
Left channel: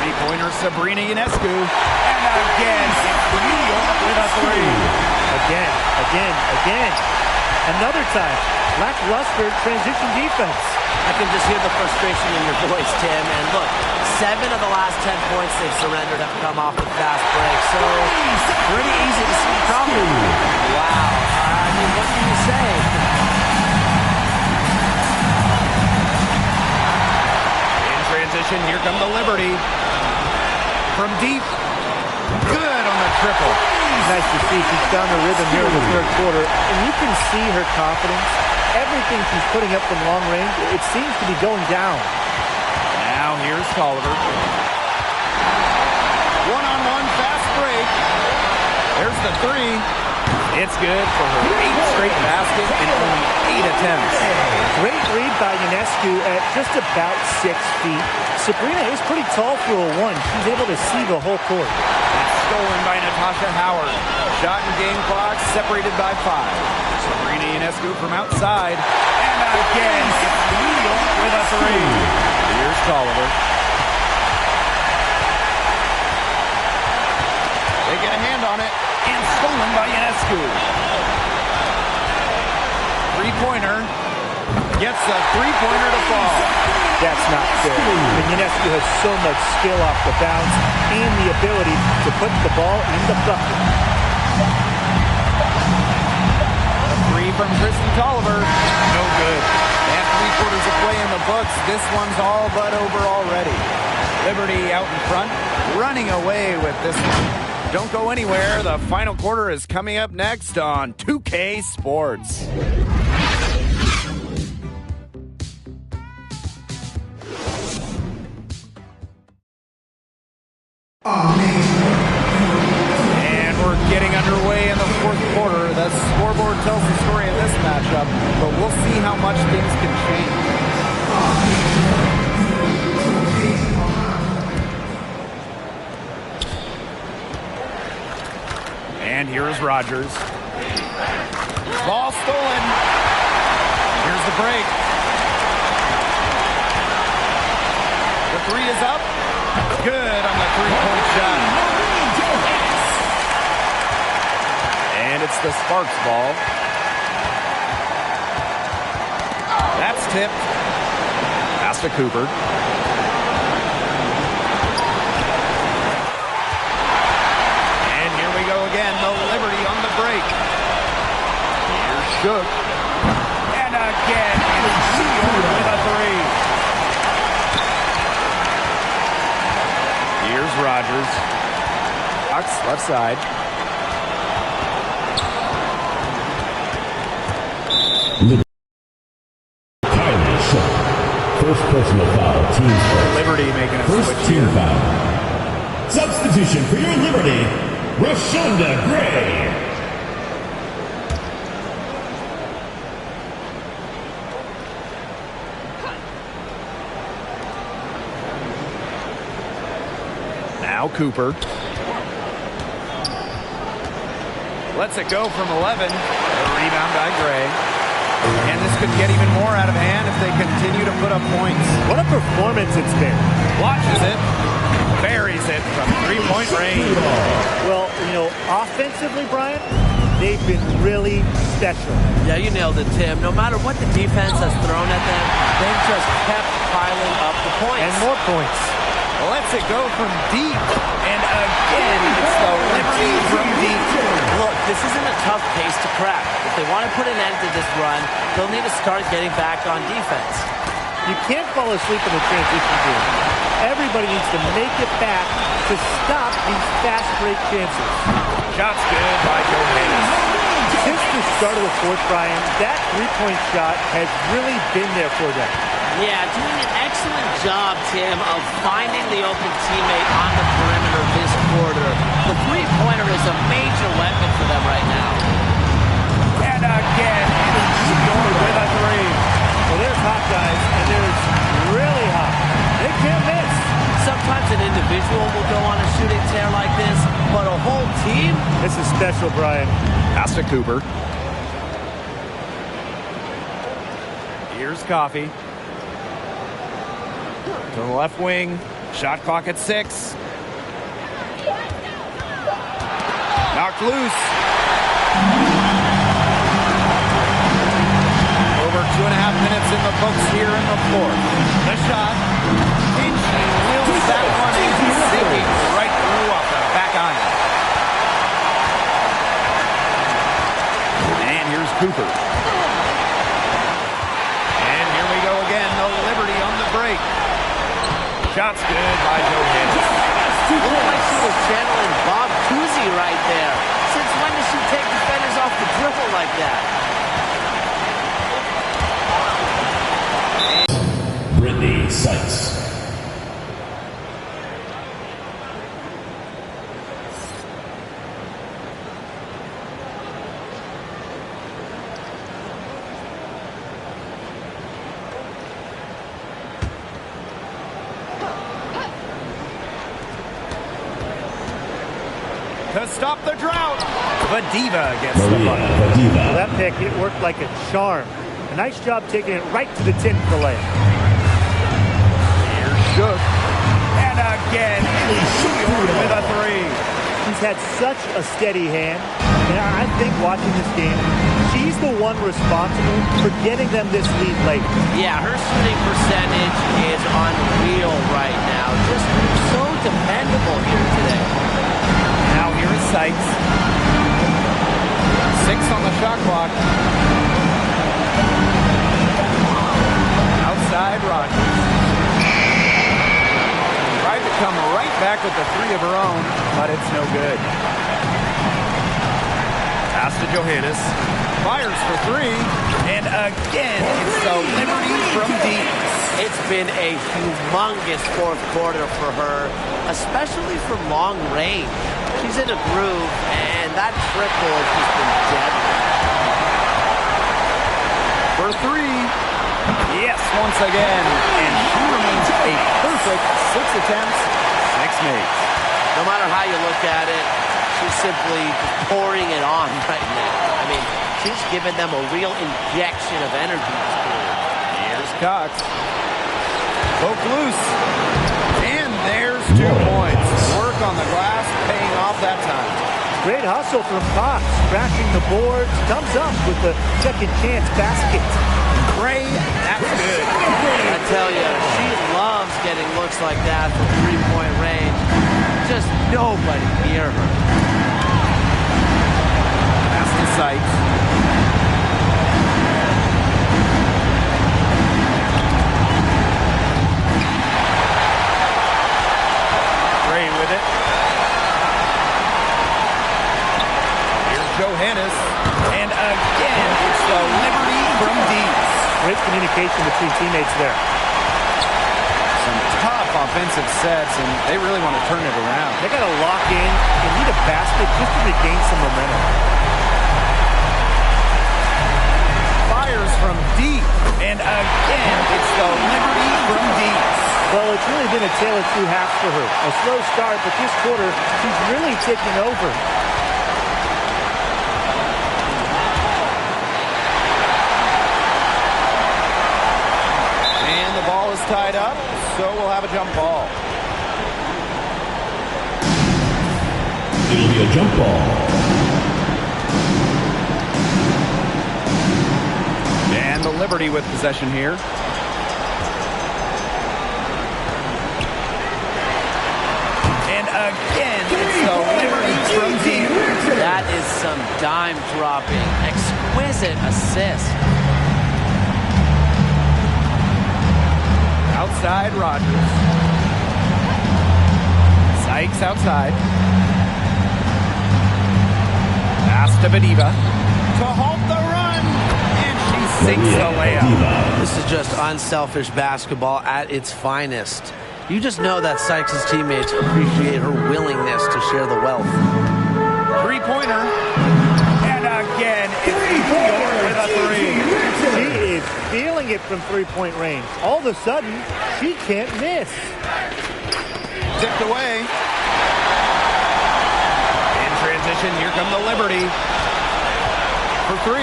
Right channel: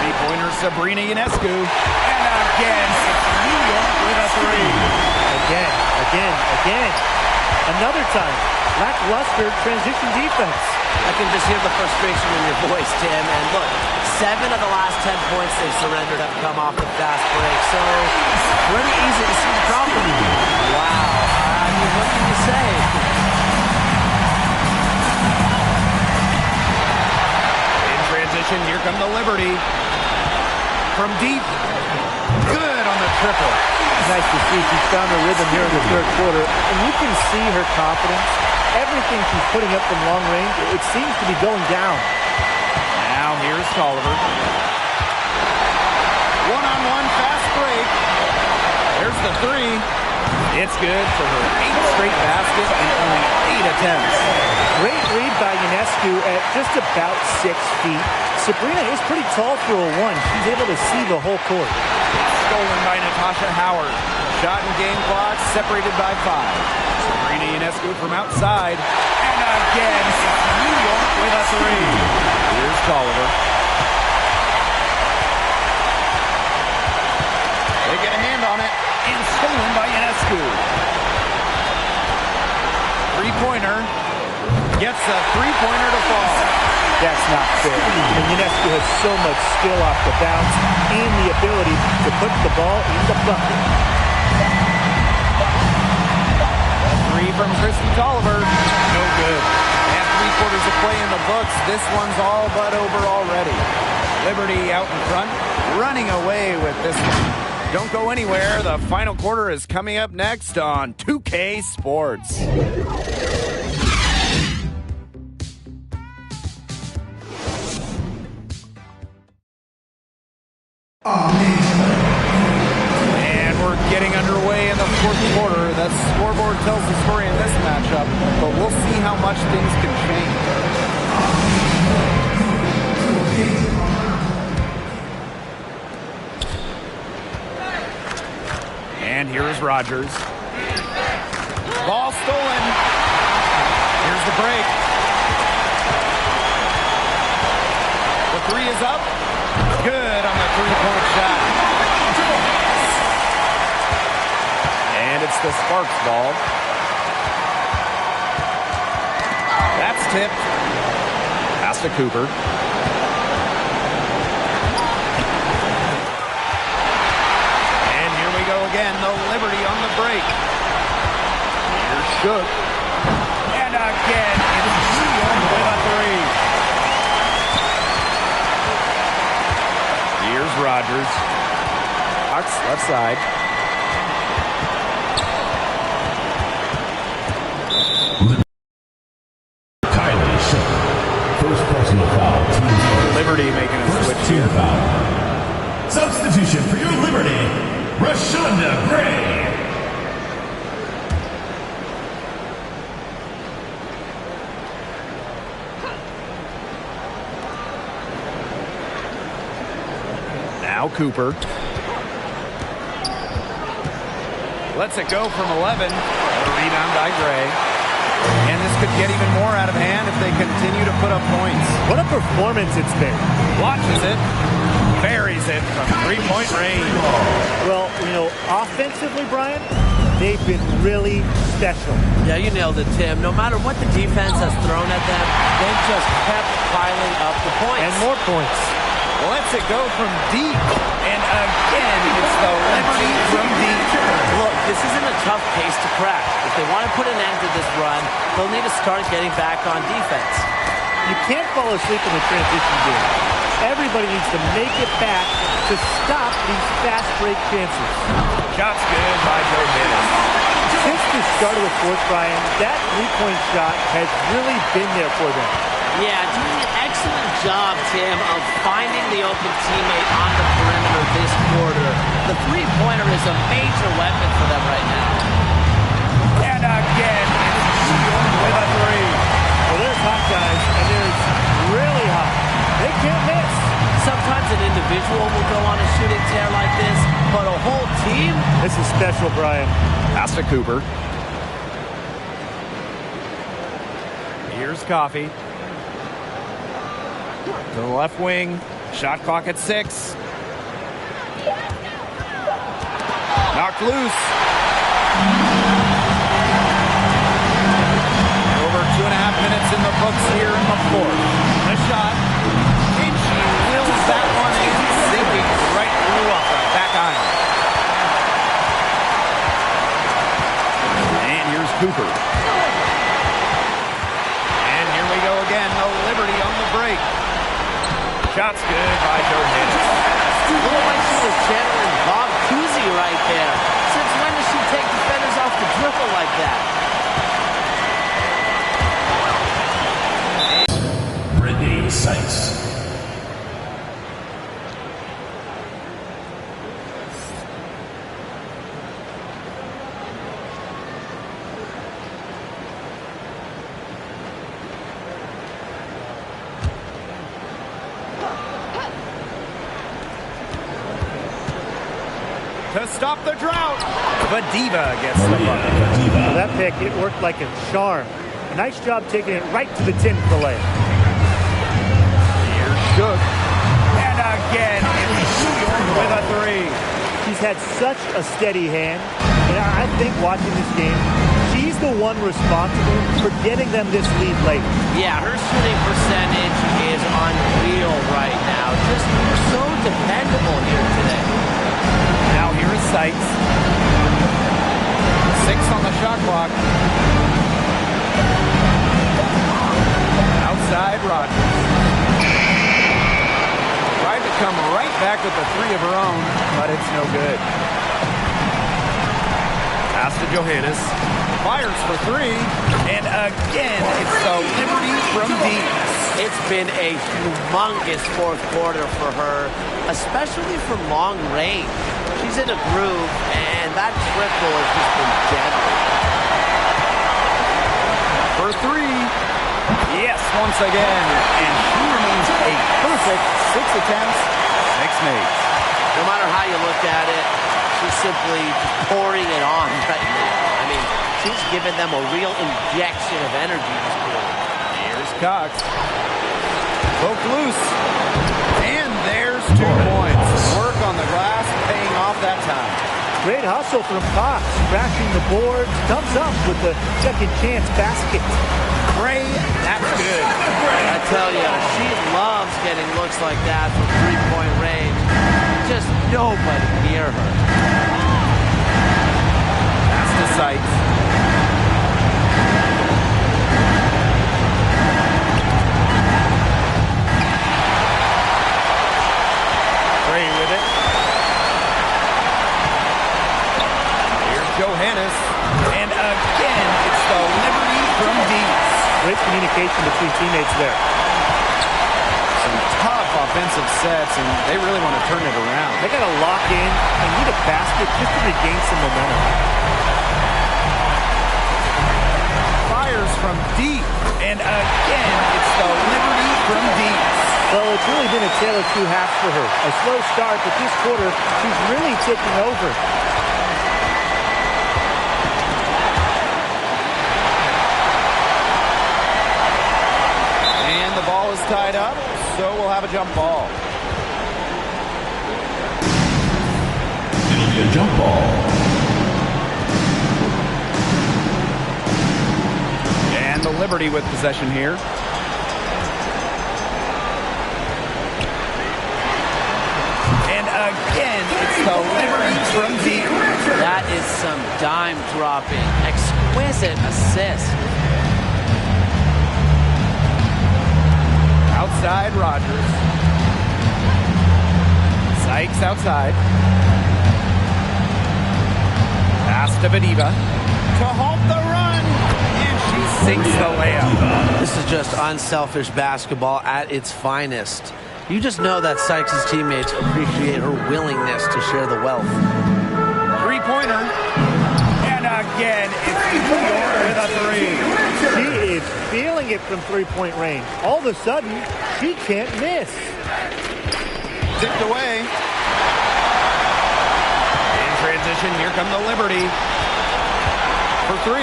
Three-pointer Sabrina Ionescu. And again, it's New York with a three. Again. Another time. Lackluster transition defense. I can just hear the frustration in your voice, Tim. And look, 7 of the last 10 points they've surrendered have come off the fast break. So, pretty easy to see the problem. Wow. I mean, what can you say? In transition, here come the Liberty. From deep. Good on the triple. Nice to see she's found her rhythm here in the third quarter. And you can see her confidence. Everything she's putting up from long range, it seems to be going down. Now here's Tolliver. One-on-one fast break. There's the three. It's good for her 8th straight basket in only 8 attempts. Great read by Ionescu at just about 6 feet. Sabrina is pretty tall for a 1. She's able to see the whole court. It's stolen by Natasha Howard. Shot and game clock separated by 5. Sabrina Ionescu from outside. And again, it's New York with a three. Here's Tolliver. They get a hand on it. And stolen by Ionescu. Three-pointer. Gets a three-pointer to fall. That's not fair. And Ionescu has so much skill off the bounce and the ability to put the ball in the bucket. A three from Christy Tolliver. No good. And 3/4 of play in the books. This one's all but over already. Liberty out in front, running away with this one. Don't go anywhere. The final quarter is coming up next on 2K Sports. And we're getting underway in the fourth quarter. The scoreboard tells the story in this matchup, but we'll see how much things can change. And here's Rogers. Ball stolen. Here's the break. The three is up. Good on the three-point shot. And it's the Sparks ball. That's tipped. Pass to Cooper. And here we go again. The Liberty on the break. Here's Shook. And again, it's New York with a three. Here's Rogers. Fox, left side. First personal foul, team's first. Liberty making a First switch team here. foul. Substitution for your Liberty, Rashonda Gray. Now Cooper. Lets it go from 11. A rebound by Gray. And this could get even more out of hand if they continue to put up points. What a performance it's been. Launches it. Buries it from three-point range. Well, you know, offensively, Brian, they've been really special. Yeah, you nailed it, Tim. No matter what the defense has thrown at them, they've just kept piling up the points. And more points. Lets it go from deep. And again, it's the Liberty from deep. Look, this isn't a tough case to crack. If they want to put an end to this run, they'll need to start getting back on defense. You can't fall asleep in the transition game. Everybody needs to make it back to stop these fast break chances. Shot's good by Johannes. Since the start of the fourth, Brian, that three-point shot has really been there for them. Yeah, doing an excellent job, Tim, of finding the open teammate on the perimeter this quarter. The three-pointer is a major weapon for them right now. And again, it's New York with a three. Well, there's hot guys, and there's really hot. They can't miss. Sometimes an individual will go on a shooting tear like this, but a whole team? This is special, Brian. Pass to Cooper. Here's Coffey. To the left wing. Shot clock at 6. Knocked loose. Over 2.5 minutes in the books here in the fourth. The shot. And she wills that one in, sinking right through off the back iron. And here's Cooper. And here we go again. The Liberty on the break. Shot's good by Johannes. Looked like she was channeling Bob Cousy right there. Since when does she take defenders off the dribble like that? Brittany Sykes. To stop the drought, Vadiva gets the bucket. Well, that pick, it worked like a charm. A nice job taking it right to the tin for the layup. Here's Shook. And again, it's New York with a three. She's had such a steady hand, and I think watching this game, she's the one responsible for getting them this lead late. Yeah, her shooting percentage is unreal right now. Just so dependable here today. Now here is Sykes. 6 on the shot clock. Outside Rogers. Tried to come right back with the three of her own, but it's no good. Pass to Johannes. Fires for three. And again, it's the Liberty from deep. It's been a humongous fourth quarter for her, especially from long range. She's in a groove, and that triple has just been deadly. For three. Yes, once again. And she remains a perfect 6 attempts, 6 makes. No matter how you look at it, she's simply just pouring it on right now. I mean, she's given them a real injection of energy this quarter. Here's Cox. Poke loose. And there's 2 points. Work on the glass, paying off that time. Great hustle from Cox, crashing the boards, comes up with the second chance basket. Gray, that's good. I tell you, she loves getting looks like that from three-point range. Just nobody near her. Pass to Sykes. Gray with it. Here's Johannes. And again, it's the Liberty from deep. Great communication between teammates there. Some tough offensive sets, and they really want to turn it around. They got to lock in and need a basket just to regain some momentum. Fires from deep. And again, it's the Liberty from deep. Well, it's really been a tale of 2 halves for her. A slow start, but this quarter, she's really taking over. And the ball is tied up, so we'll have a jump ball. It'll be a jump ball. And the Liberty with possession here. And again, it's the Liberty from deep. That is some dime-dropping, exquisite assist. Outside, Rogers. Sykes outside. Pass to Bediva. To halt the run. And she sinks the layup. This is just unselfish basketball at its finest. You just know that Sykes' teammates appreciate her willingness to share the wealth. 3-pointer. And again, it's New York with a 3. She is feeling it from three-point range. All of a sudden, she can't miss. Tipped away. In transition, here come the Liberty. For 3.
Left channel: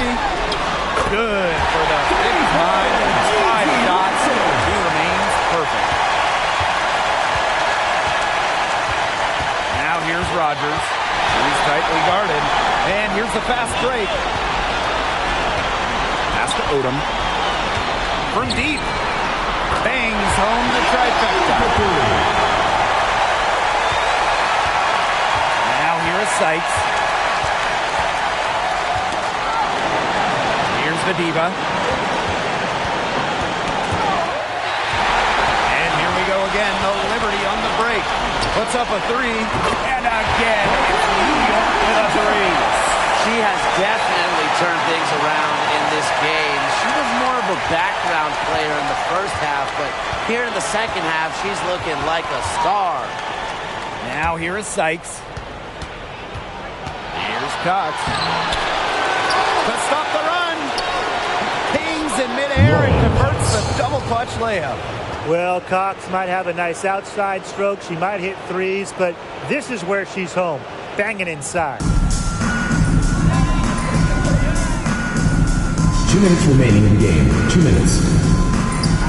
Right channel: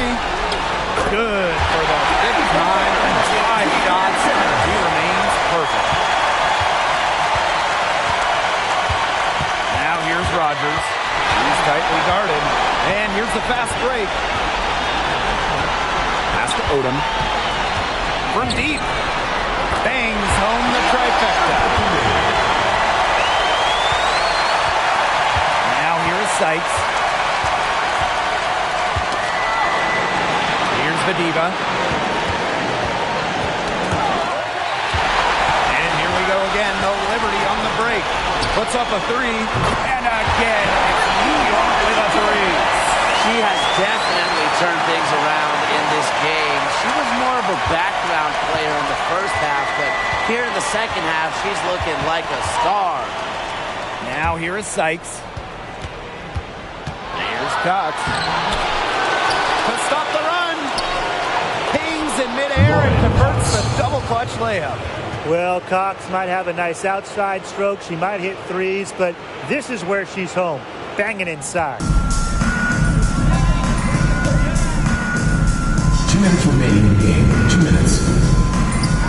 Good for the 5th time and 5 shots. She remains perfect. Now here's Rogers. He's tightly guarded. And here's the fast break. Pass to Odom. From deep. Bangs home the trifecta. Now here is Sykes. Here's Bediva. And here we go again. The Liberty on the break. Puts up a 3. And again, it's New York with a 3. She has definitely turned things around in this game. She was more of a background player in the first half, but here in the second half, she's looking like a star. Now here is Sykes. Here's Cox. To stop the run. Pings in midair and converts the double clutch layup. Well, Cox might have a nice outside stroke. She might hit threes, but this is where she's home. Banging inside. 2 minutes remaining in the game. 2 minutes.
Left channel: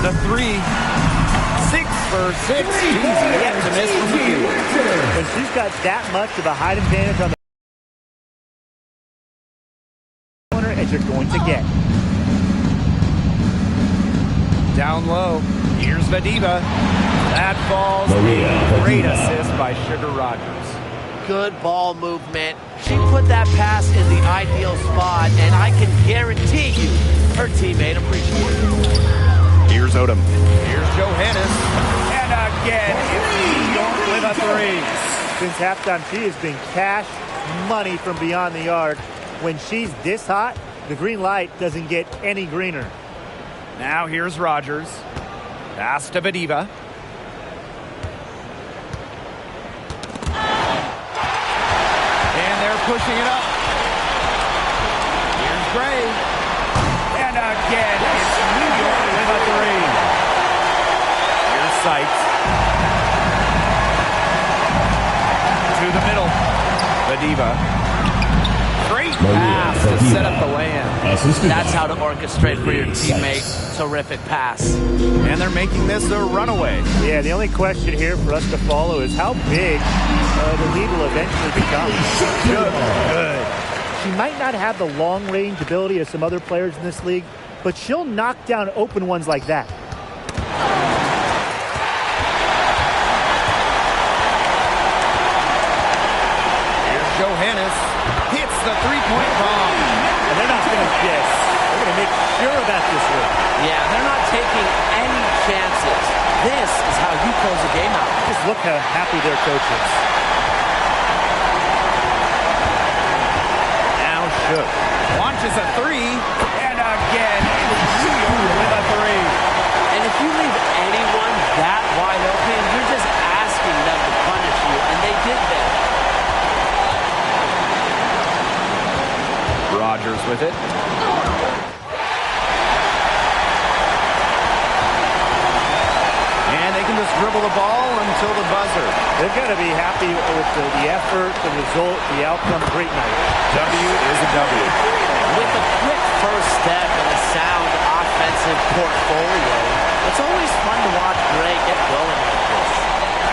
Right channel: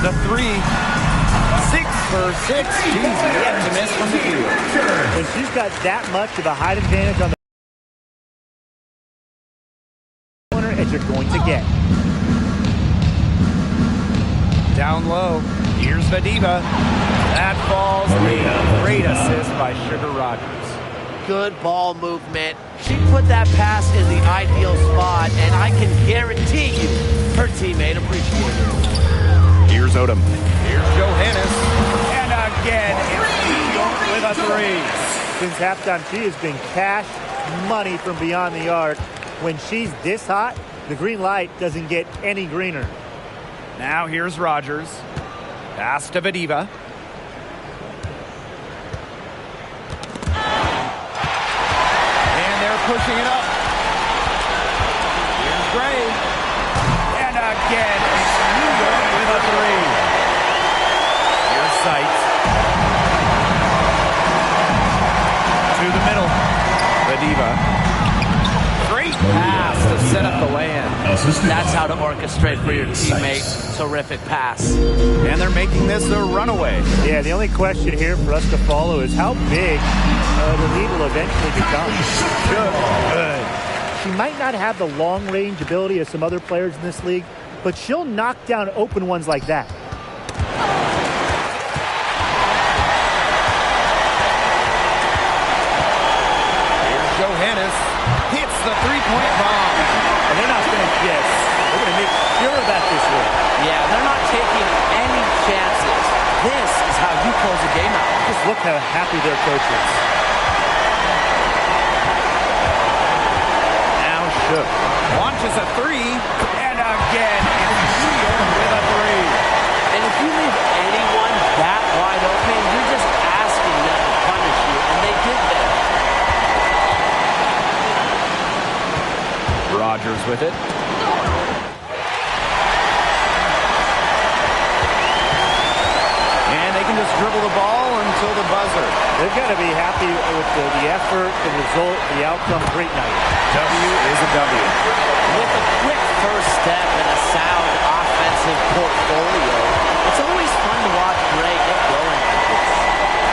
The 3. 6 for 6. She's yet to miss from the field. When she's got that much of a height advantage on the corner, as you're going to get. Down low. Here's Bediva. That falls. Maria. Great assist by Sugar Rogers. Good ball movement. She put that pass in the ideal spot, and I can guarantee you her teammate appreciated it. Here's Odom. Here's Johannes. And again, it's New York with a 3. Since halftime, she has been cash money from beyond the arc. When she's this hot, the green light doesn't get any greener. Now here's Rogers. Pass to Bediva. And they're pushing it up. Here's Gray. And again, it's New York with a 3. Here's Sykes. To the middle. Badiva. Great pass to set up the lay-in. That's how to orchestrate for your teammate. Terrific pass. And they're making this a runaway. Yeah, the only question here for us to follow is how big the lead will eventually become. Good. She might not have the long-range ability of some other players in this league, but she'll knock down open ones like that. Here's Johannes. Hits the three-point bomb. And they're not going to guess. They're going to make sure about this win. Yeah, they're not taking any chances. This is how you close a game out. Just look how happy their coach is. Now Shook launches a three. And again, it's New York with a three. And if you leave anyone that wide open, you're just asking them to punish you. And they did there. Rogers with it. And they can just dribble the ball until the buzzer. They've got to be happy with the effort, the result, the outcome. Great night. W is a W. With a quick first step and a sound offensive portfolio, it's always fun to watch Gray get going like this.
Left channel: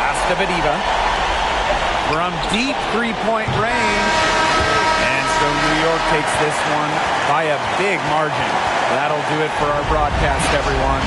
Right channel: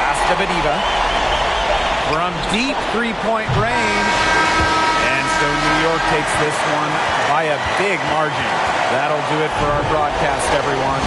Pass to Badiva. From deep three-point range. And so New York takes this one by a big margin. That'll do it for our broadcast, everyone.